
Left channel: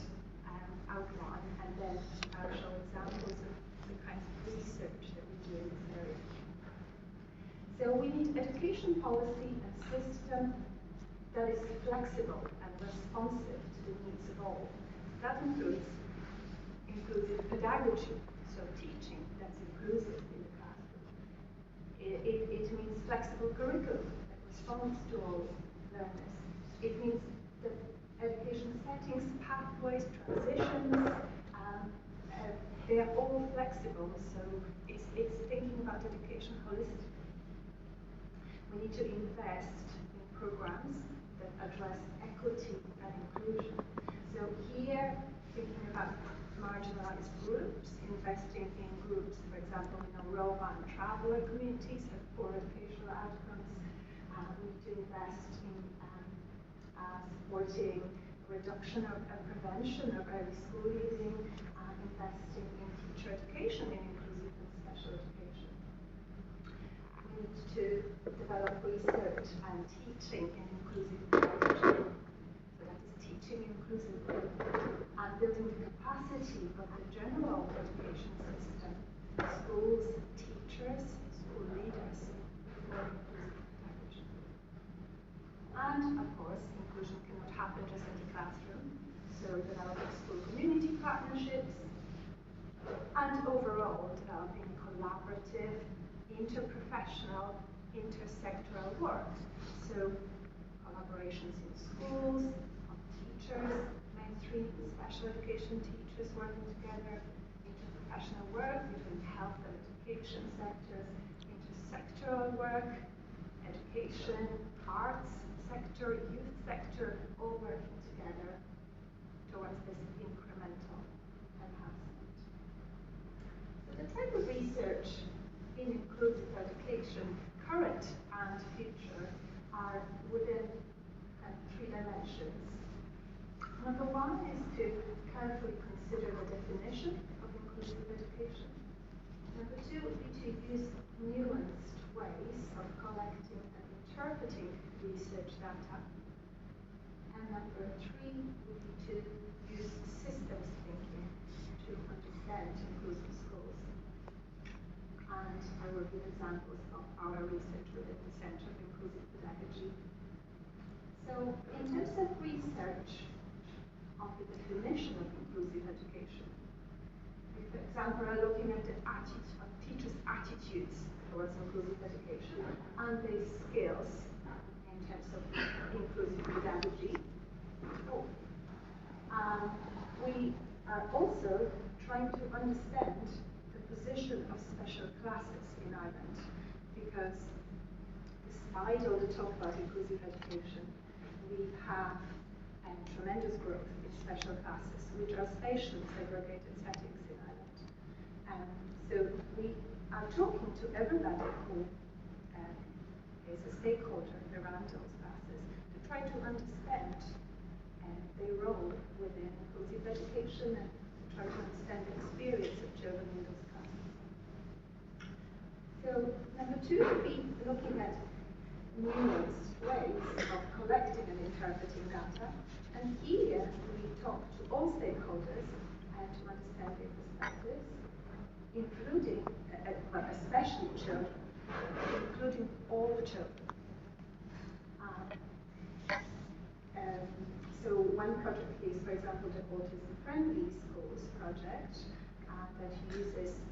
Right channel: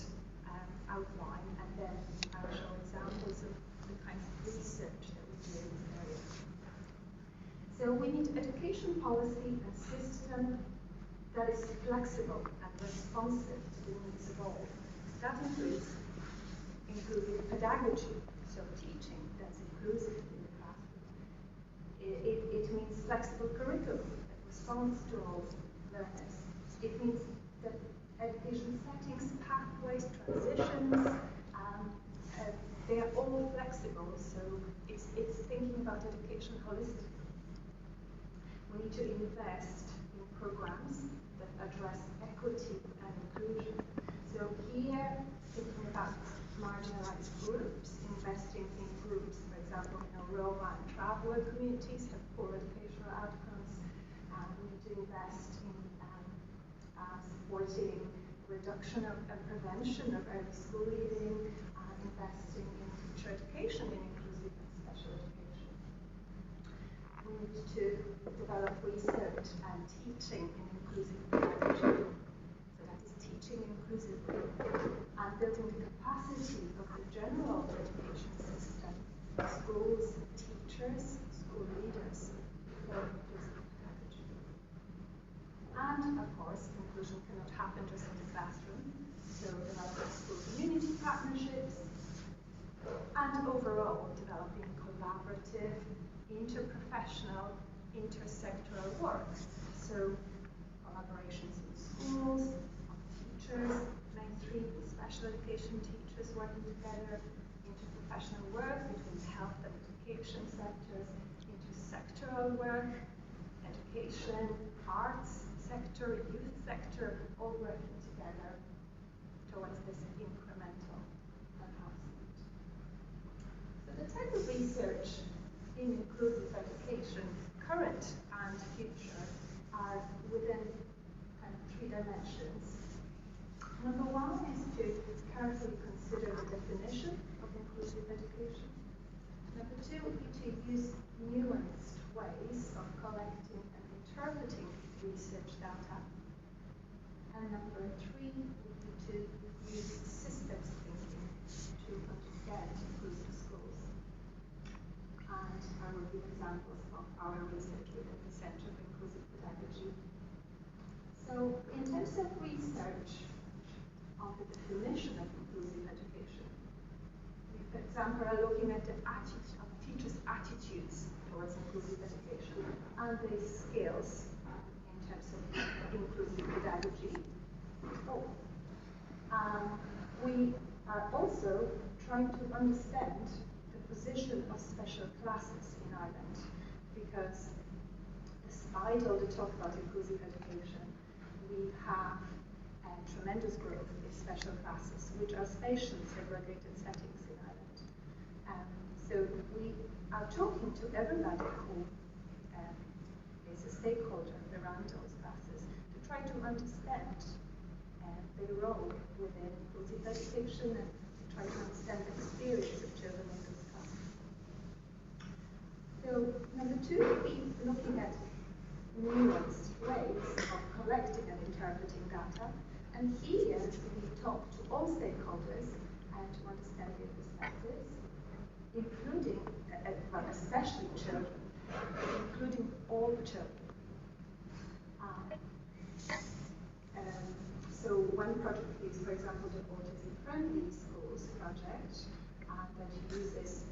outline, and then I'll show examples of the kinds of research that we do in this area. So we need education policy and system that is flexible and responsive to the needs of all. That includes inclusive pedagogy, so teaching that's inclusive in the classroom. It means flexible curriculum that responds to all learners. It means that education settings, pathways, transitions, they are all flexible, so it's thinking about education holistically. We need to invest in programs that address equity and inclusion. So here, thinking about marginalized groups, investing in groups, for example, Roma and traveler communities have poor educational outcomes. We need to invest in supporting reduction and prevention of early school leaving, investing in teacher education in inclusive and special education. We need to develop research and teaching in inclusive pedagogy. So that is teaching inclusively and building the capacity of the general education system, schools, teachers, school leaders for inclusive pedagogy. And of course, inclusion cannot happen just in the classroom. So developing school community partnerships and overall developing collaborative, interprofessional, intersectoral work. So collaborations in schools, of teachers, mainstream and special education teachers working together, interprofessional work between health and education sectors, intersectoral work, education, arts sector, youth sector, all working together towards this incremental enhancement. So the type of research in inclusive education, current and future, are within three dimensions. Number one is to carefully consider the definition of inclusive education. Number two would be to use nuanced ways of collecting and interpreting research data. And number three would be to use systems thinking to understand inclusive schools. And I will give examples of our research within the Center of Inclusive Pedagogy. So in terms of research on the definition of inclusive education, we, for example, are looking at the teachers' attitudes towards inclusive education and the skills in terms of inclusive pedagogy. We are also trying to understand the position of special classes in Ireland, because despite all the talk about inclusive education, we have tremendous growth in special classes, which are spatial segregated settings in Ireland. So we are talking to everybody who is a stakeholder around those classes to try to understand their role within inclusive education and to try to understand the experience of children in those classes. So number two would be looking at nuanced ways of collecting and interpreting data. And here we talk to all stakeholders and to understand their perspectives, including, but especially children, including all the children. So one project is, for example, the Autism Friendly Schools project that uses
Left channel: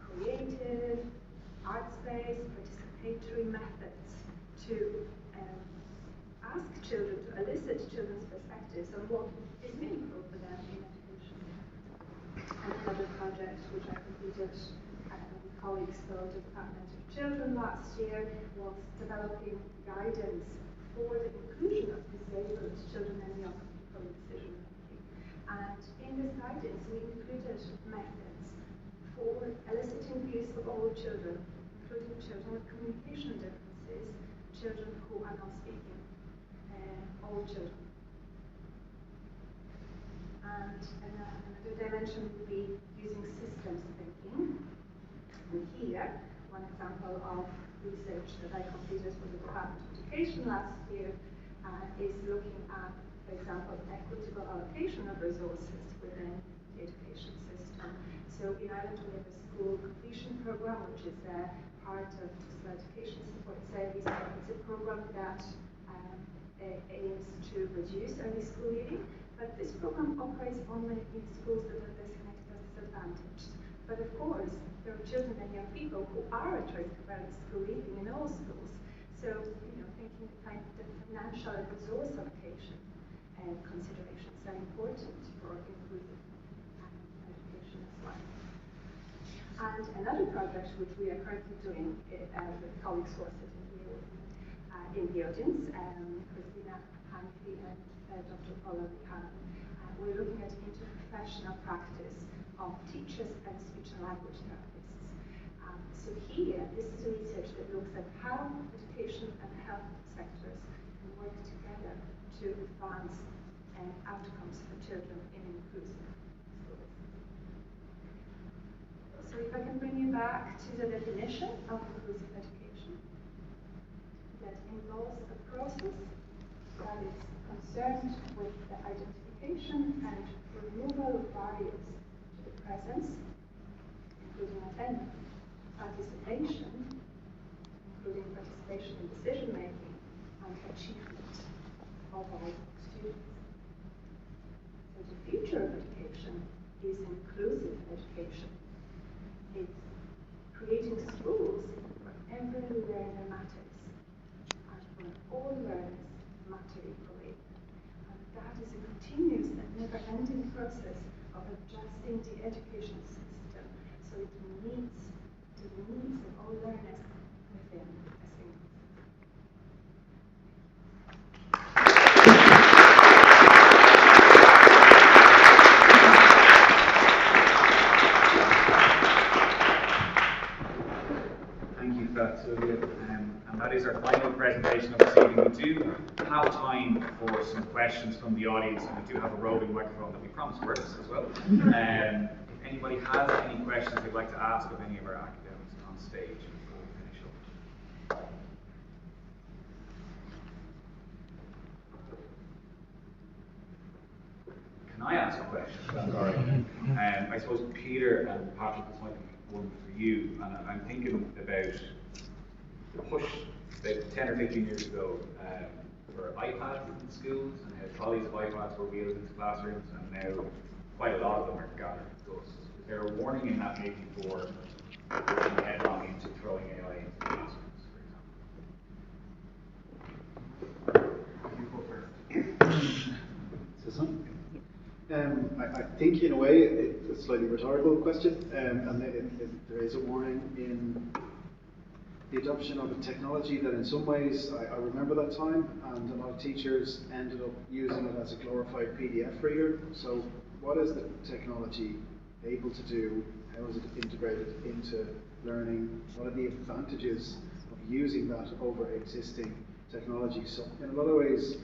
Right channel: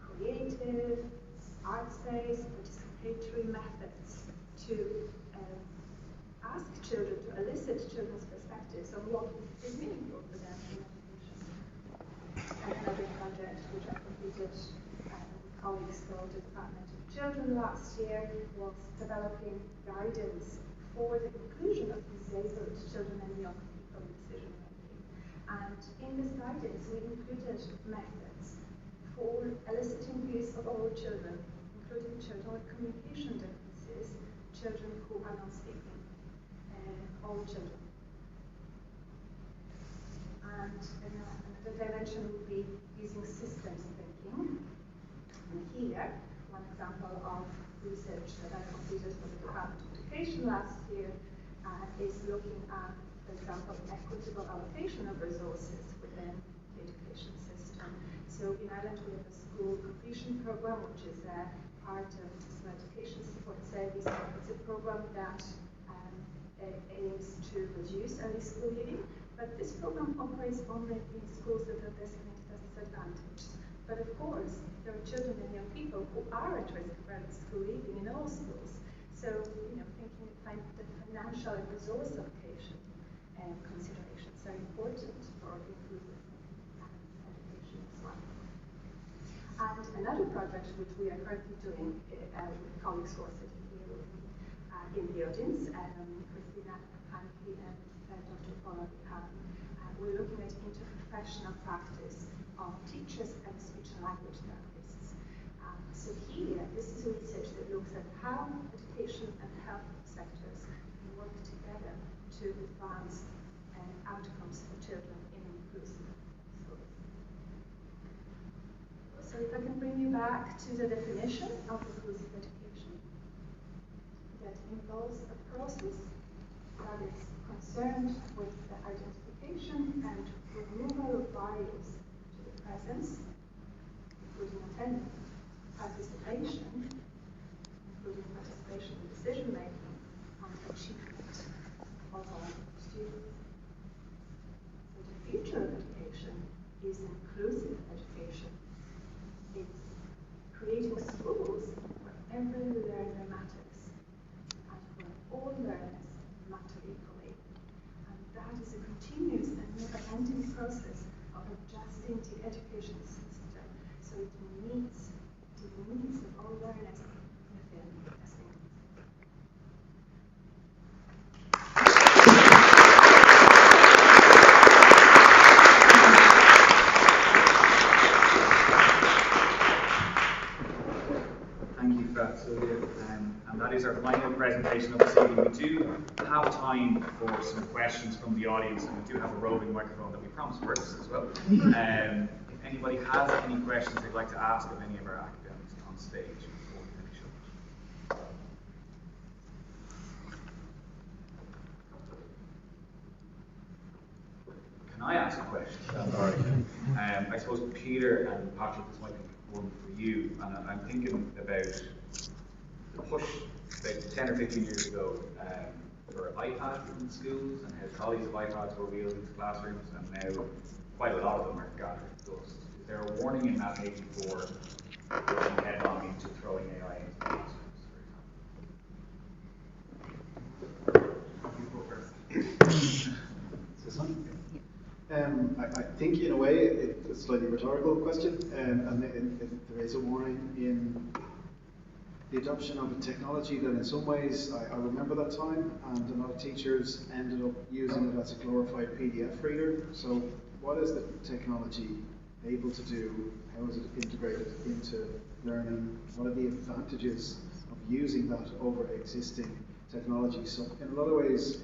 creative, arts-based, participatory methods to ask children, to elicit children's perspectives on what is meaningful for them in education. And another project which I completed with colleagues from the Department of Children last year was developing guidance for the inclusion of disabled children and young people in decision making. And in this guidance, we included methods for eliciting views of all children, including children with communication differences, children who are not speaking, all children. And another dimension would be using systems thinking. And here, one example of research that I completed for the Department of Education last year is looking at, for example, equitable allocation of resources within the education system. So in Ireland we have a school completion program, which is part of the School Education Support Service. It's a program that aims to reduce early school leaving, but this program operates only in schools that are designated as disadvantaged. But of course, there are children and young people who are at risk of early school leaving in all schools. So, thinking the financial and resource allocation considerations are important for inclusive education as well. And another project which we are currently doing with colleagues who are sitting here in the audience, Christina Hanke and Dr. Paula Buchanan, we're looking at interprofessional practice of teachers and speech and language therapists. So here, this is research that looks at how education and health sectors can work together to advance outcomes for children in inclusive schools. So if I can bring you back to the definition of inclusive education, that involves a process that is concerned with the identification and removal of barriers to the presence, including attendance, participation, including participation in decision making, and achievement of all students. So the future of education is inclusive education. It's creating schools where every learner matters and where all learners matter equally. And that is a continuous and never-ending process of adjusting the education system so it meets the needs of all learners within a school. Thank you for that, Sylvia. And that is our final presentation of this evening. We do have time for some questions from the audience, and we do have a roving microphone that we promised works as well. If anybody has any questions they'd like to ask of any of our academics on stage before we finish up. Can I ask a question? That's all right. I suppose Peter and Patrick, this might be one for you, and I'm thinking about the push about 10 or 15 years ago for iPads in schools and how trolleys of iPads were wheeled into classrooms, and now quite a lot of them are gathered dust. Is there a warning in that maybe for working head on into throwing AI into classrooms, for example? You go first. I think in a way it's a slightly rhetorical question, and there is a warning in the adoption of a technology that in some ways, I remember that time, and a lot of teachers ended up using it as a glorified PDF reader. So what is the technology able to do? How is it integrated into learning? What are the advantages of using that over existing technology? So in a lot of ways,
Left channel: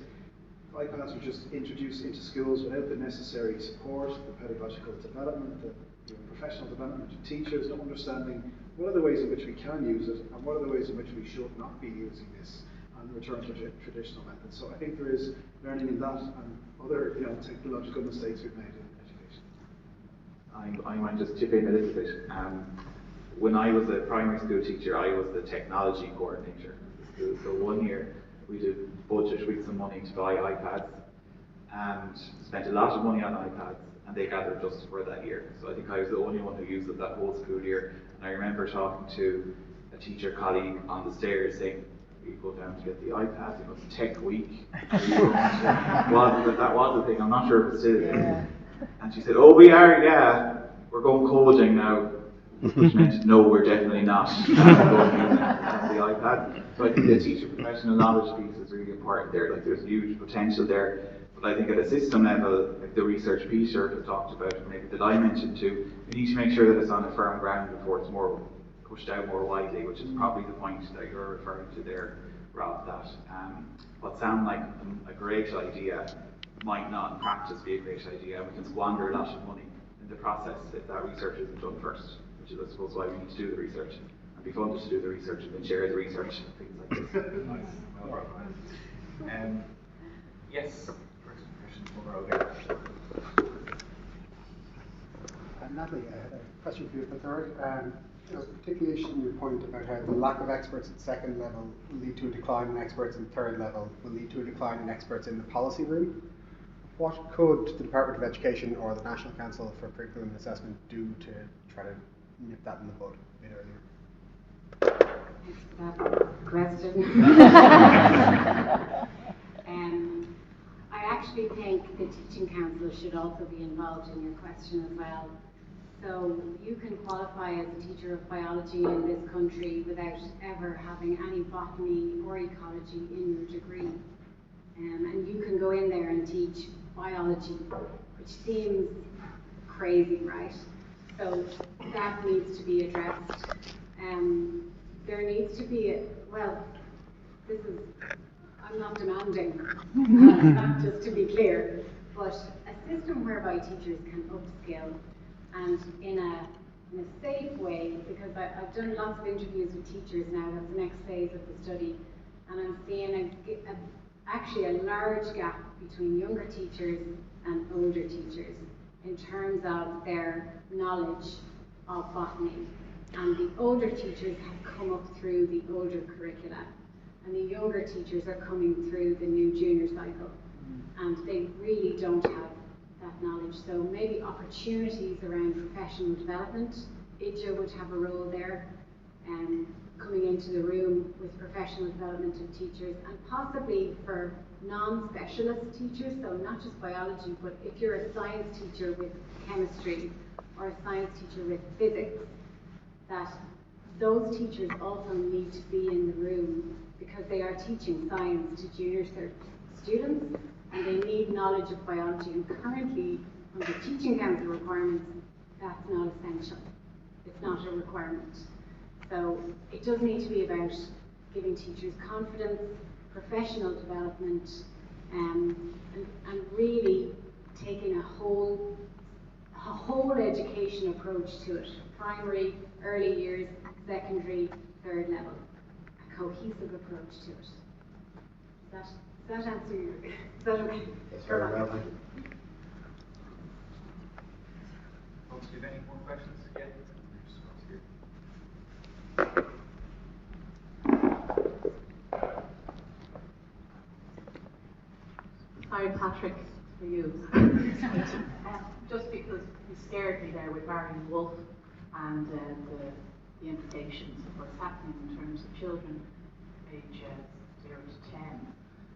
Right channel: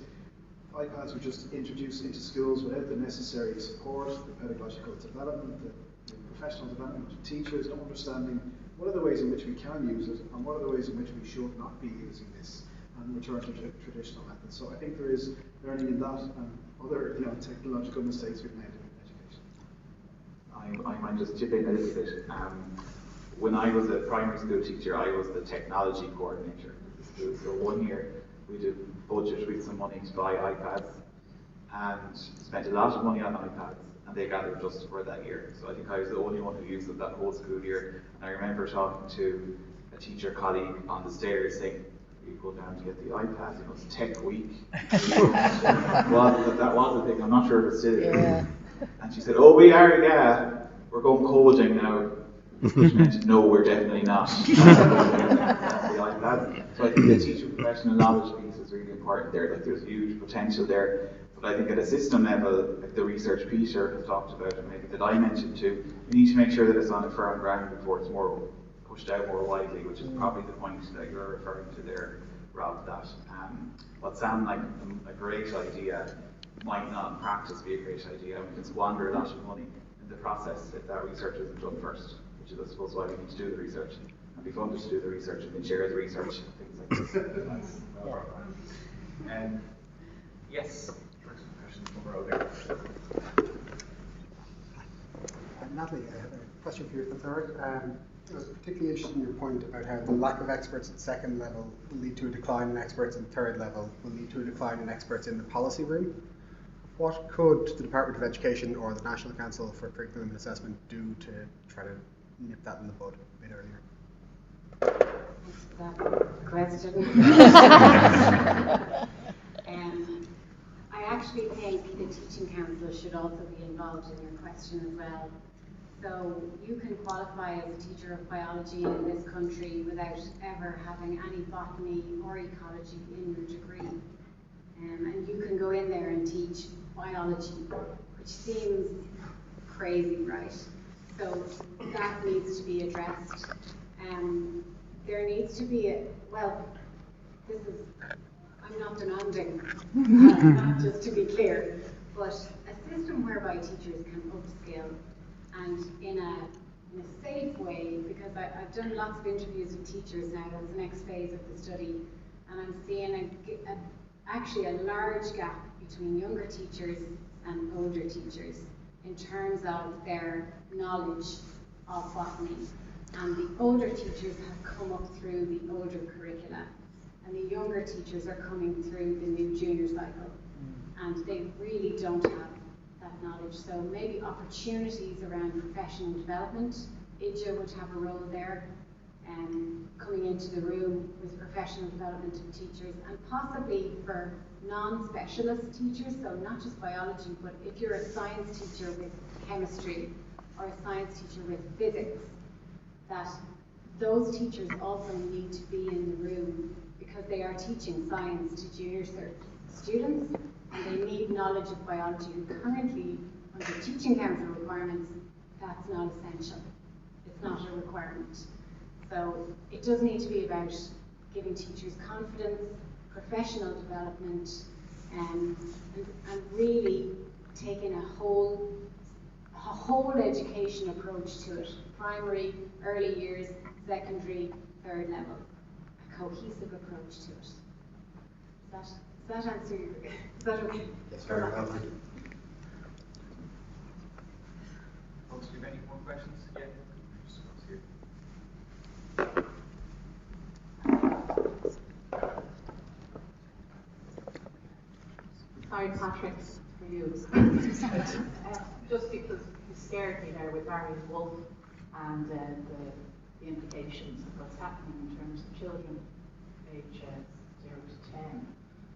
iPads were just introduced into schools without the necessary support, the pedagogical development, the professional development of teachers, not understanding what are the ways in which we can use it and what are the ways in which we should not be using this and return to traditional methods. So I think there is learning in that and other technological mistakes we've made in education. I might just chip in a little bit. When I was a primary school teacher, I was the technology coordinator of the school. So 1 year we did budget with some money to buy iPads and spent a lot of money on iPads, and they gathered dust for that year. So I think I was the only one who used it that whole school year. And I remember talking to a teacher colleague on the stairs saying, "We go down to get the iPad, it's Tech Week." That was a thing, I'm not sure if it still is. Yeah. And she said, "Oh, we are, yeah, we're going coding now." Which meant, no, we're definitely not. That's the iPad. So I think the teacher professional knowledge piece is really important there. Like there's huge potential there. But I think at a system level, like the research Peter has talked about, and maybe that I mentioned too, we need to make sure that it's on a firm ground before it's more pushed out more widely, which is probably the point that you're referring to there, Rob, that what sounds like a great idea might not in practice be a great idea. We can squander a lot of money in the process if that research isn't done first, which is I suppose why we need to do the research and be funded to do the research and then share the research and things like this. Nice. Well, yes, first question from over there. Natalie, I had a question for you at the third. I was particularly interested in your point about how the lack of experts at second level will lead to a decline in experts in third level, will lead to a decline in experts in the policy room. What could the Department of Education or the National Council for Curriculum and Assessment do to try to nip that in the bud a bit earlier? Thanks for that question. I actually think the Teaching Council should also be involved in your question as well. So you can qualify as a teacher of biology in this country without ever having any botany or ecology in your degree. And you can go in there and teach biology, which seems crazy, right? So that needs to be addressed. There needs to be I'm not demanding, not just to be clear, but a system whereby teachers can upskill and in a safe way, because I've done lots of interviews with teachers now. That's the next phase of the study, and I'm seeing actually a large gap between younger teachers and older teachers in terms of their knowledge of botany. And the older teachers have come up through the older curricula, and the younger teachers are coming through the new junior cycle, and they really don't have that knowledge. So maybe opportunities around professional development. IJA would have a role there, coming into the room with professional development of teachers, and possibly for non-specialist teachers, so not just biology, but if you're a science teacher with chemistry or a science teacher with physics, that those teachers also need to be in the room because they are teaching science to junior students, and they need knowledge of biology. And currently, under teaching council requirements, that's not essential. It's not a requirement. So it does need to be about giving teachers confidence, professional development, and really taking a whole education approach to it. Primary, early years, secondary, third level. A cohesive approach to it. Does that answer your... Is that okay? Yes, very well. Folks, do you have any more questions? Yeah. Sorry, Patrick, for you. Just because you scared me there with Barry Wolf and the implications of what's happening in terms of children age 0 to 10.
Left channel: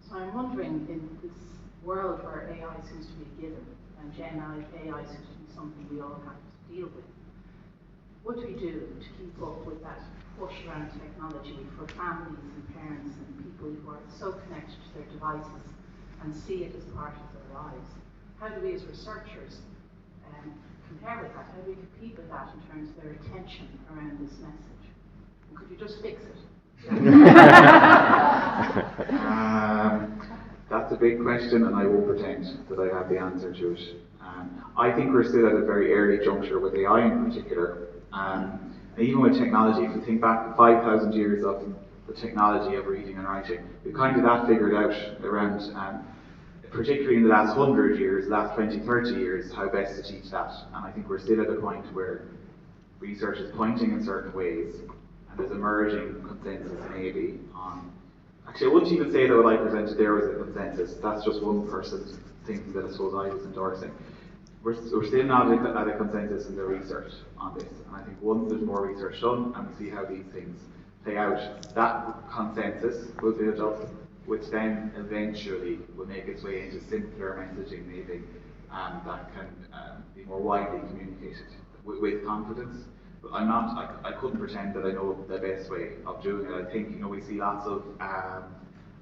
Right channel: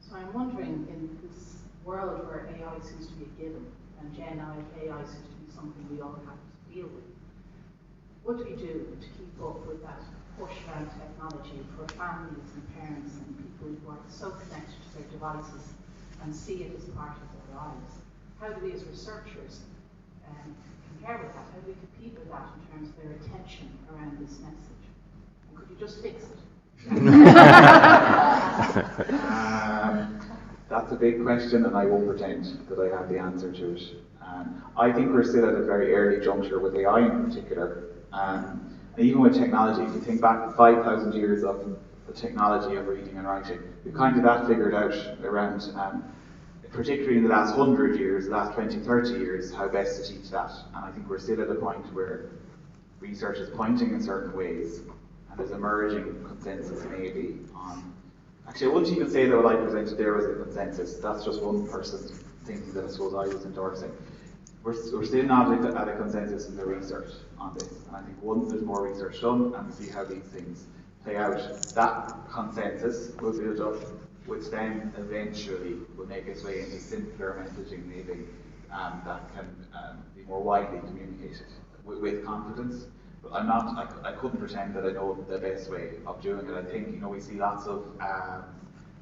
So I'm wondering, in this world where AI seems to be a given and Gen AI seems to be something we all have to deal with, what do we do to keep up with that push around technology for families and parents and people who are so connected to their devices and see it as part of their lives? How do we as researchers compare with that? How do we compete with that in terms of their attention around this message? And could you just fix it? That's a big question, and I won't pretend that I have the answer to it. I think we're still at a very early juncture with AI in particular. And even with technology, if you think back 5,000 years of the technology of reading and writing, we kind of that figured out around, particularly in the last 100 years, the last 20, 30 years, how best to teach that. And I think we're still at a point where research is pointing in certain ways, and there's emerging consensus maybe on... Actually, I wouldn't even say that what I presented there was a consensus. That's just one person's thing that I suppose I was endorsing. We're still not at a consensus in the research on this. And I think once there's more research done and we see how these things play out, that consensus will build up, which then eventually will make its way into simpler messaging maybe that can be more widely communicated with confidence. But I couldn't pretend that I know the best way of doing it. I think, we see lots of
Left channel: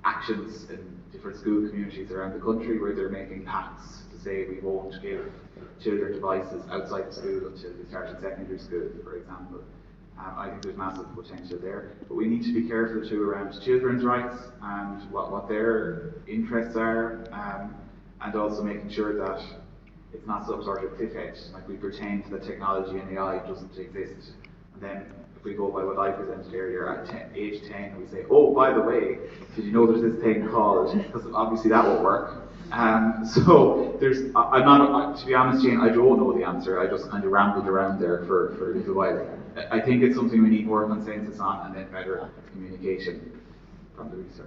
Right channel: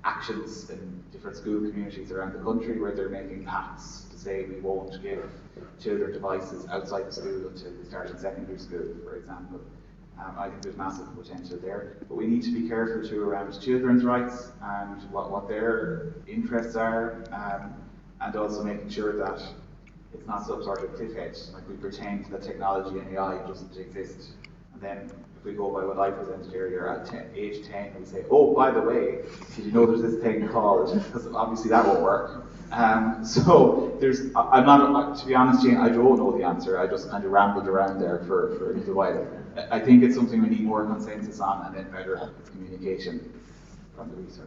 actions in different school communities around the country where they're making pacts to say we won't give children devices outside the school until they start in secondary school, for example. I think there's massive potential there. But we need to be careful too around children's rights and what their interests are, and also making sure that it's not some sort of cliff edge, like we pretend that technology and AI doesn't exist. And then if we go by what I presented earlier, at age 10, we say, oh, by the way, did you know there's this thing called, because obviously that won't work. So I'm not, to be honest, Jane, I don't know the answer. I just kind of rambled around there for a little while. I think it's something we need more consensus on, and then better communication from the research.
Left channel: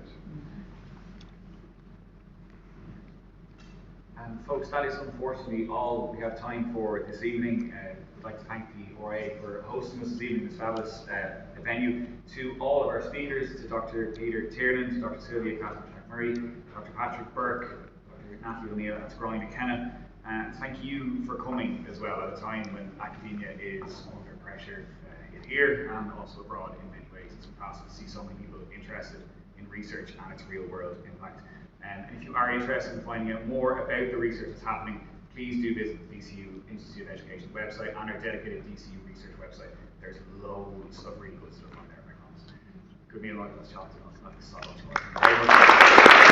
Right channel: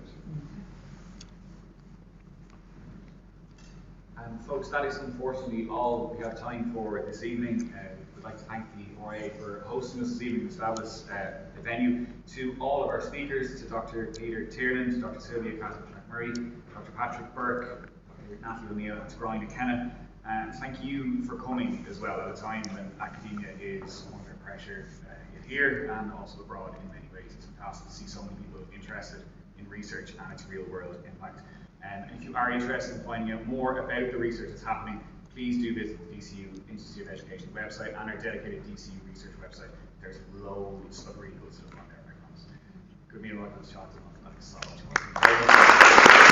And folks, that is unfortunately all we have time for this evening. We'd like to thank the RA for hosting us this evening, to establish a venue. To all of our speakers, to Dr. Peter Tiernan, to Dr. Sylvia Catherine McMurray, Dr. Patrick Burke, Dr. Matthew O'Neill, and to Brian McKenna. And thank you for coming as well at a time when academia is under pressure here and also abroad in many ways. It's fantastic to see so many people interested in research and its real world impact. And if you are interested in finding out more about the research that's happening, please do visit the DCU Institute of Education website and our dedicated DCU research website. There's loads of really good stuff on there, I promise. Good meal, like those chocolate, not this solo.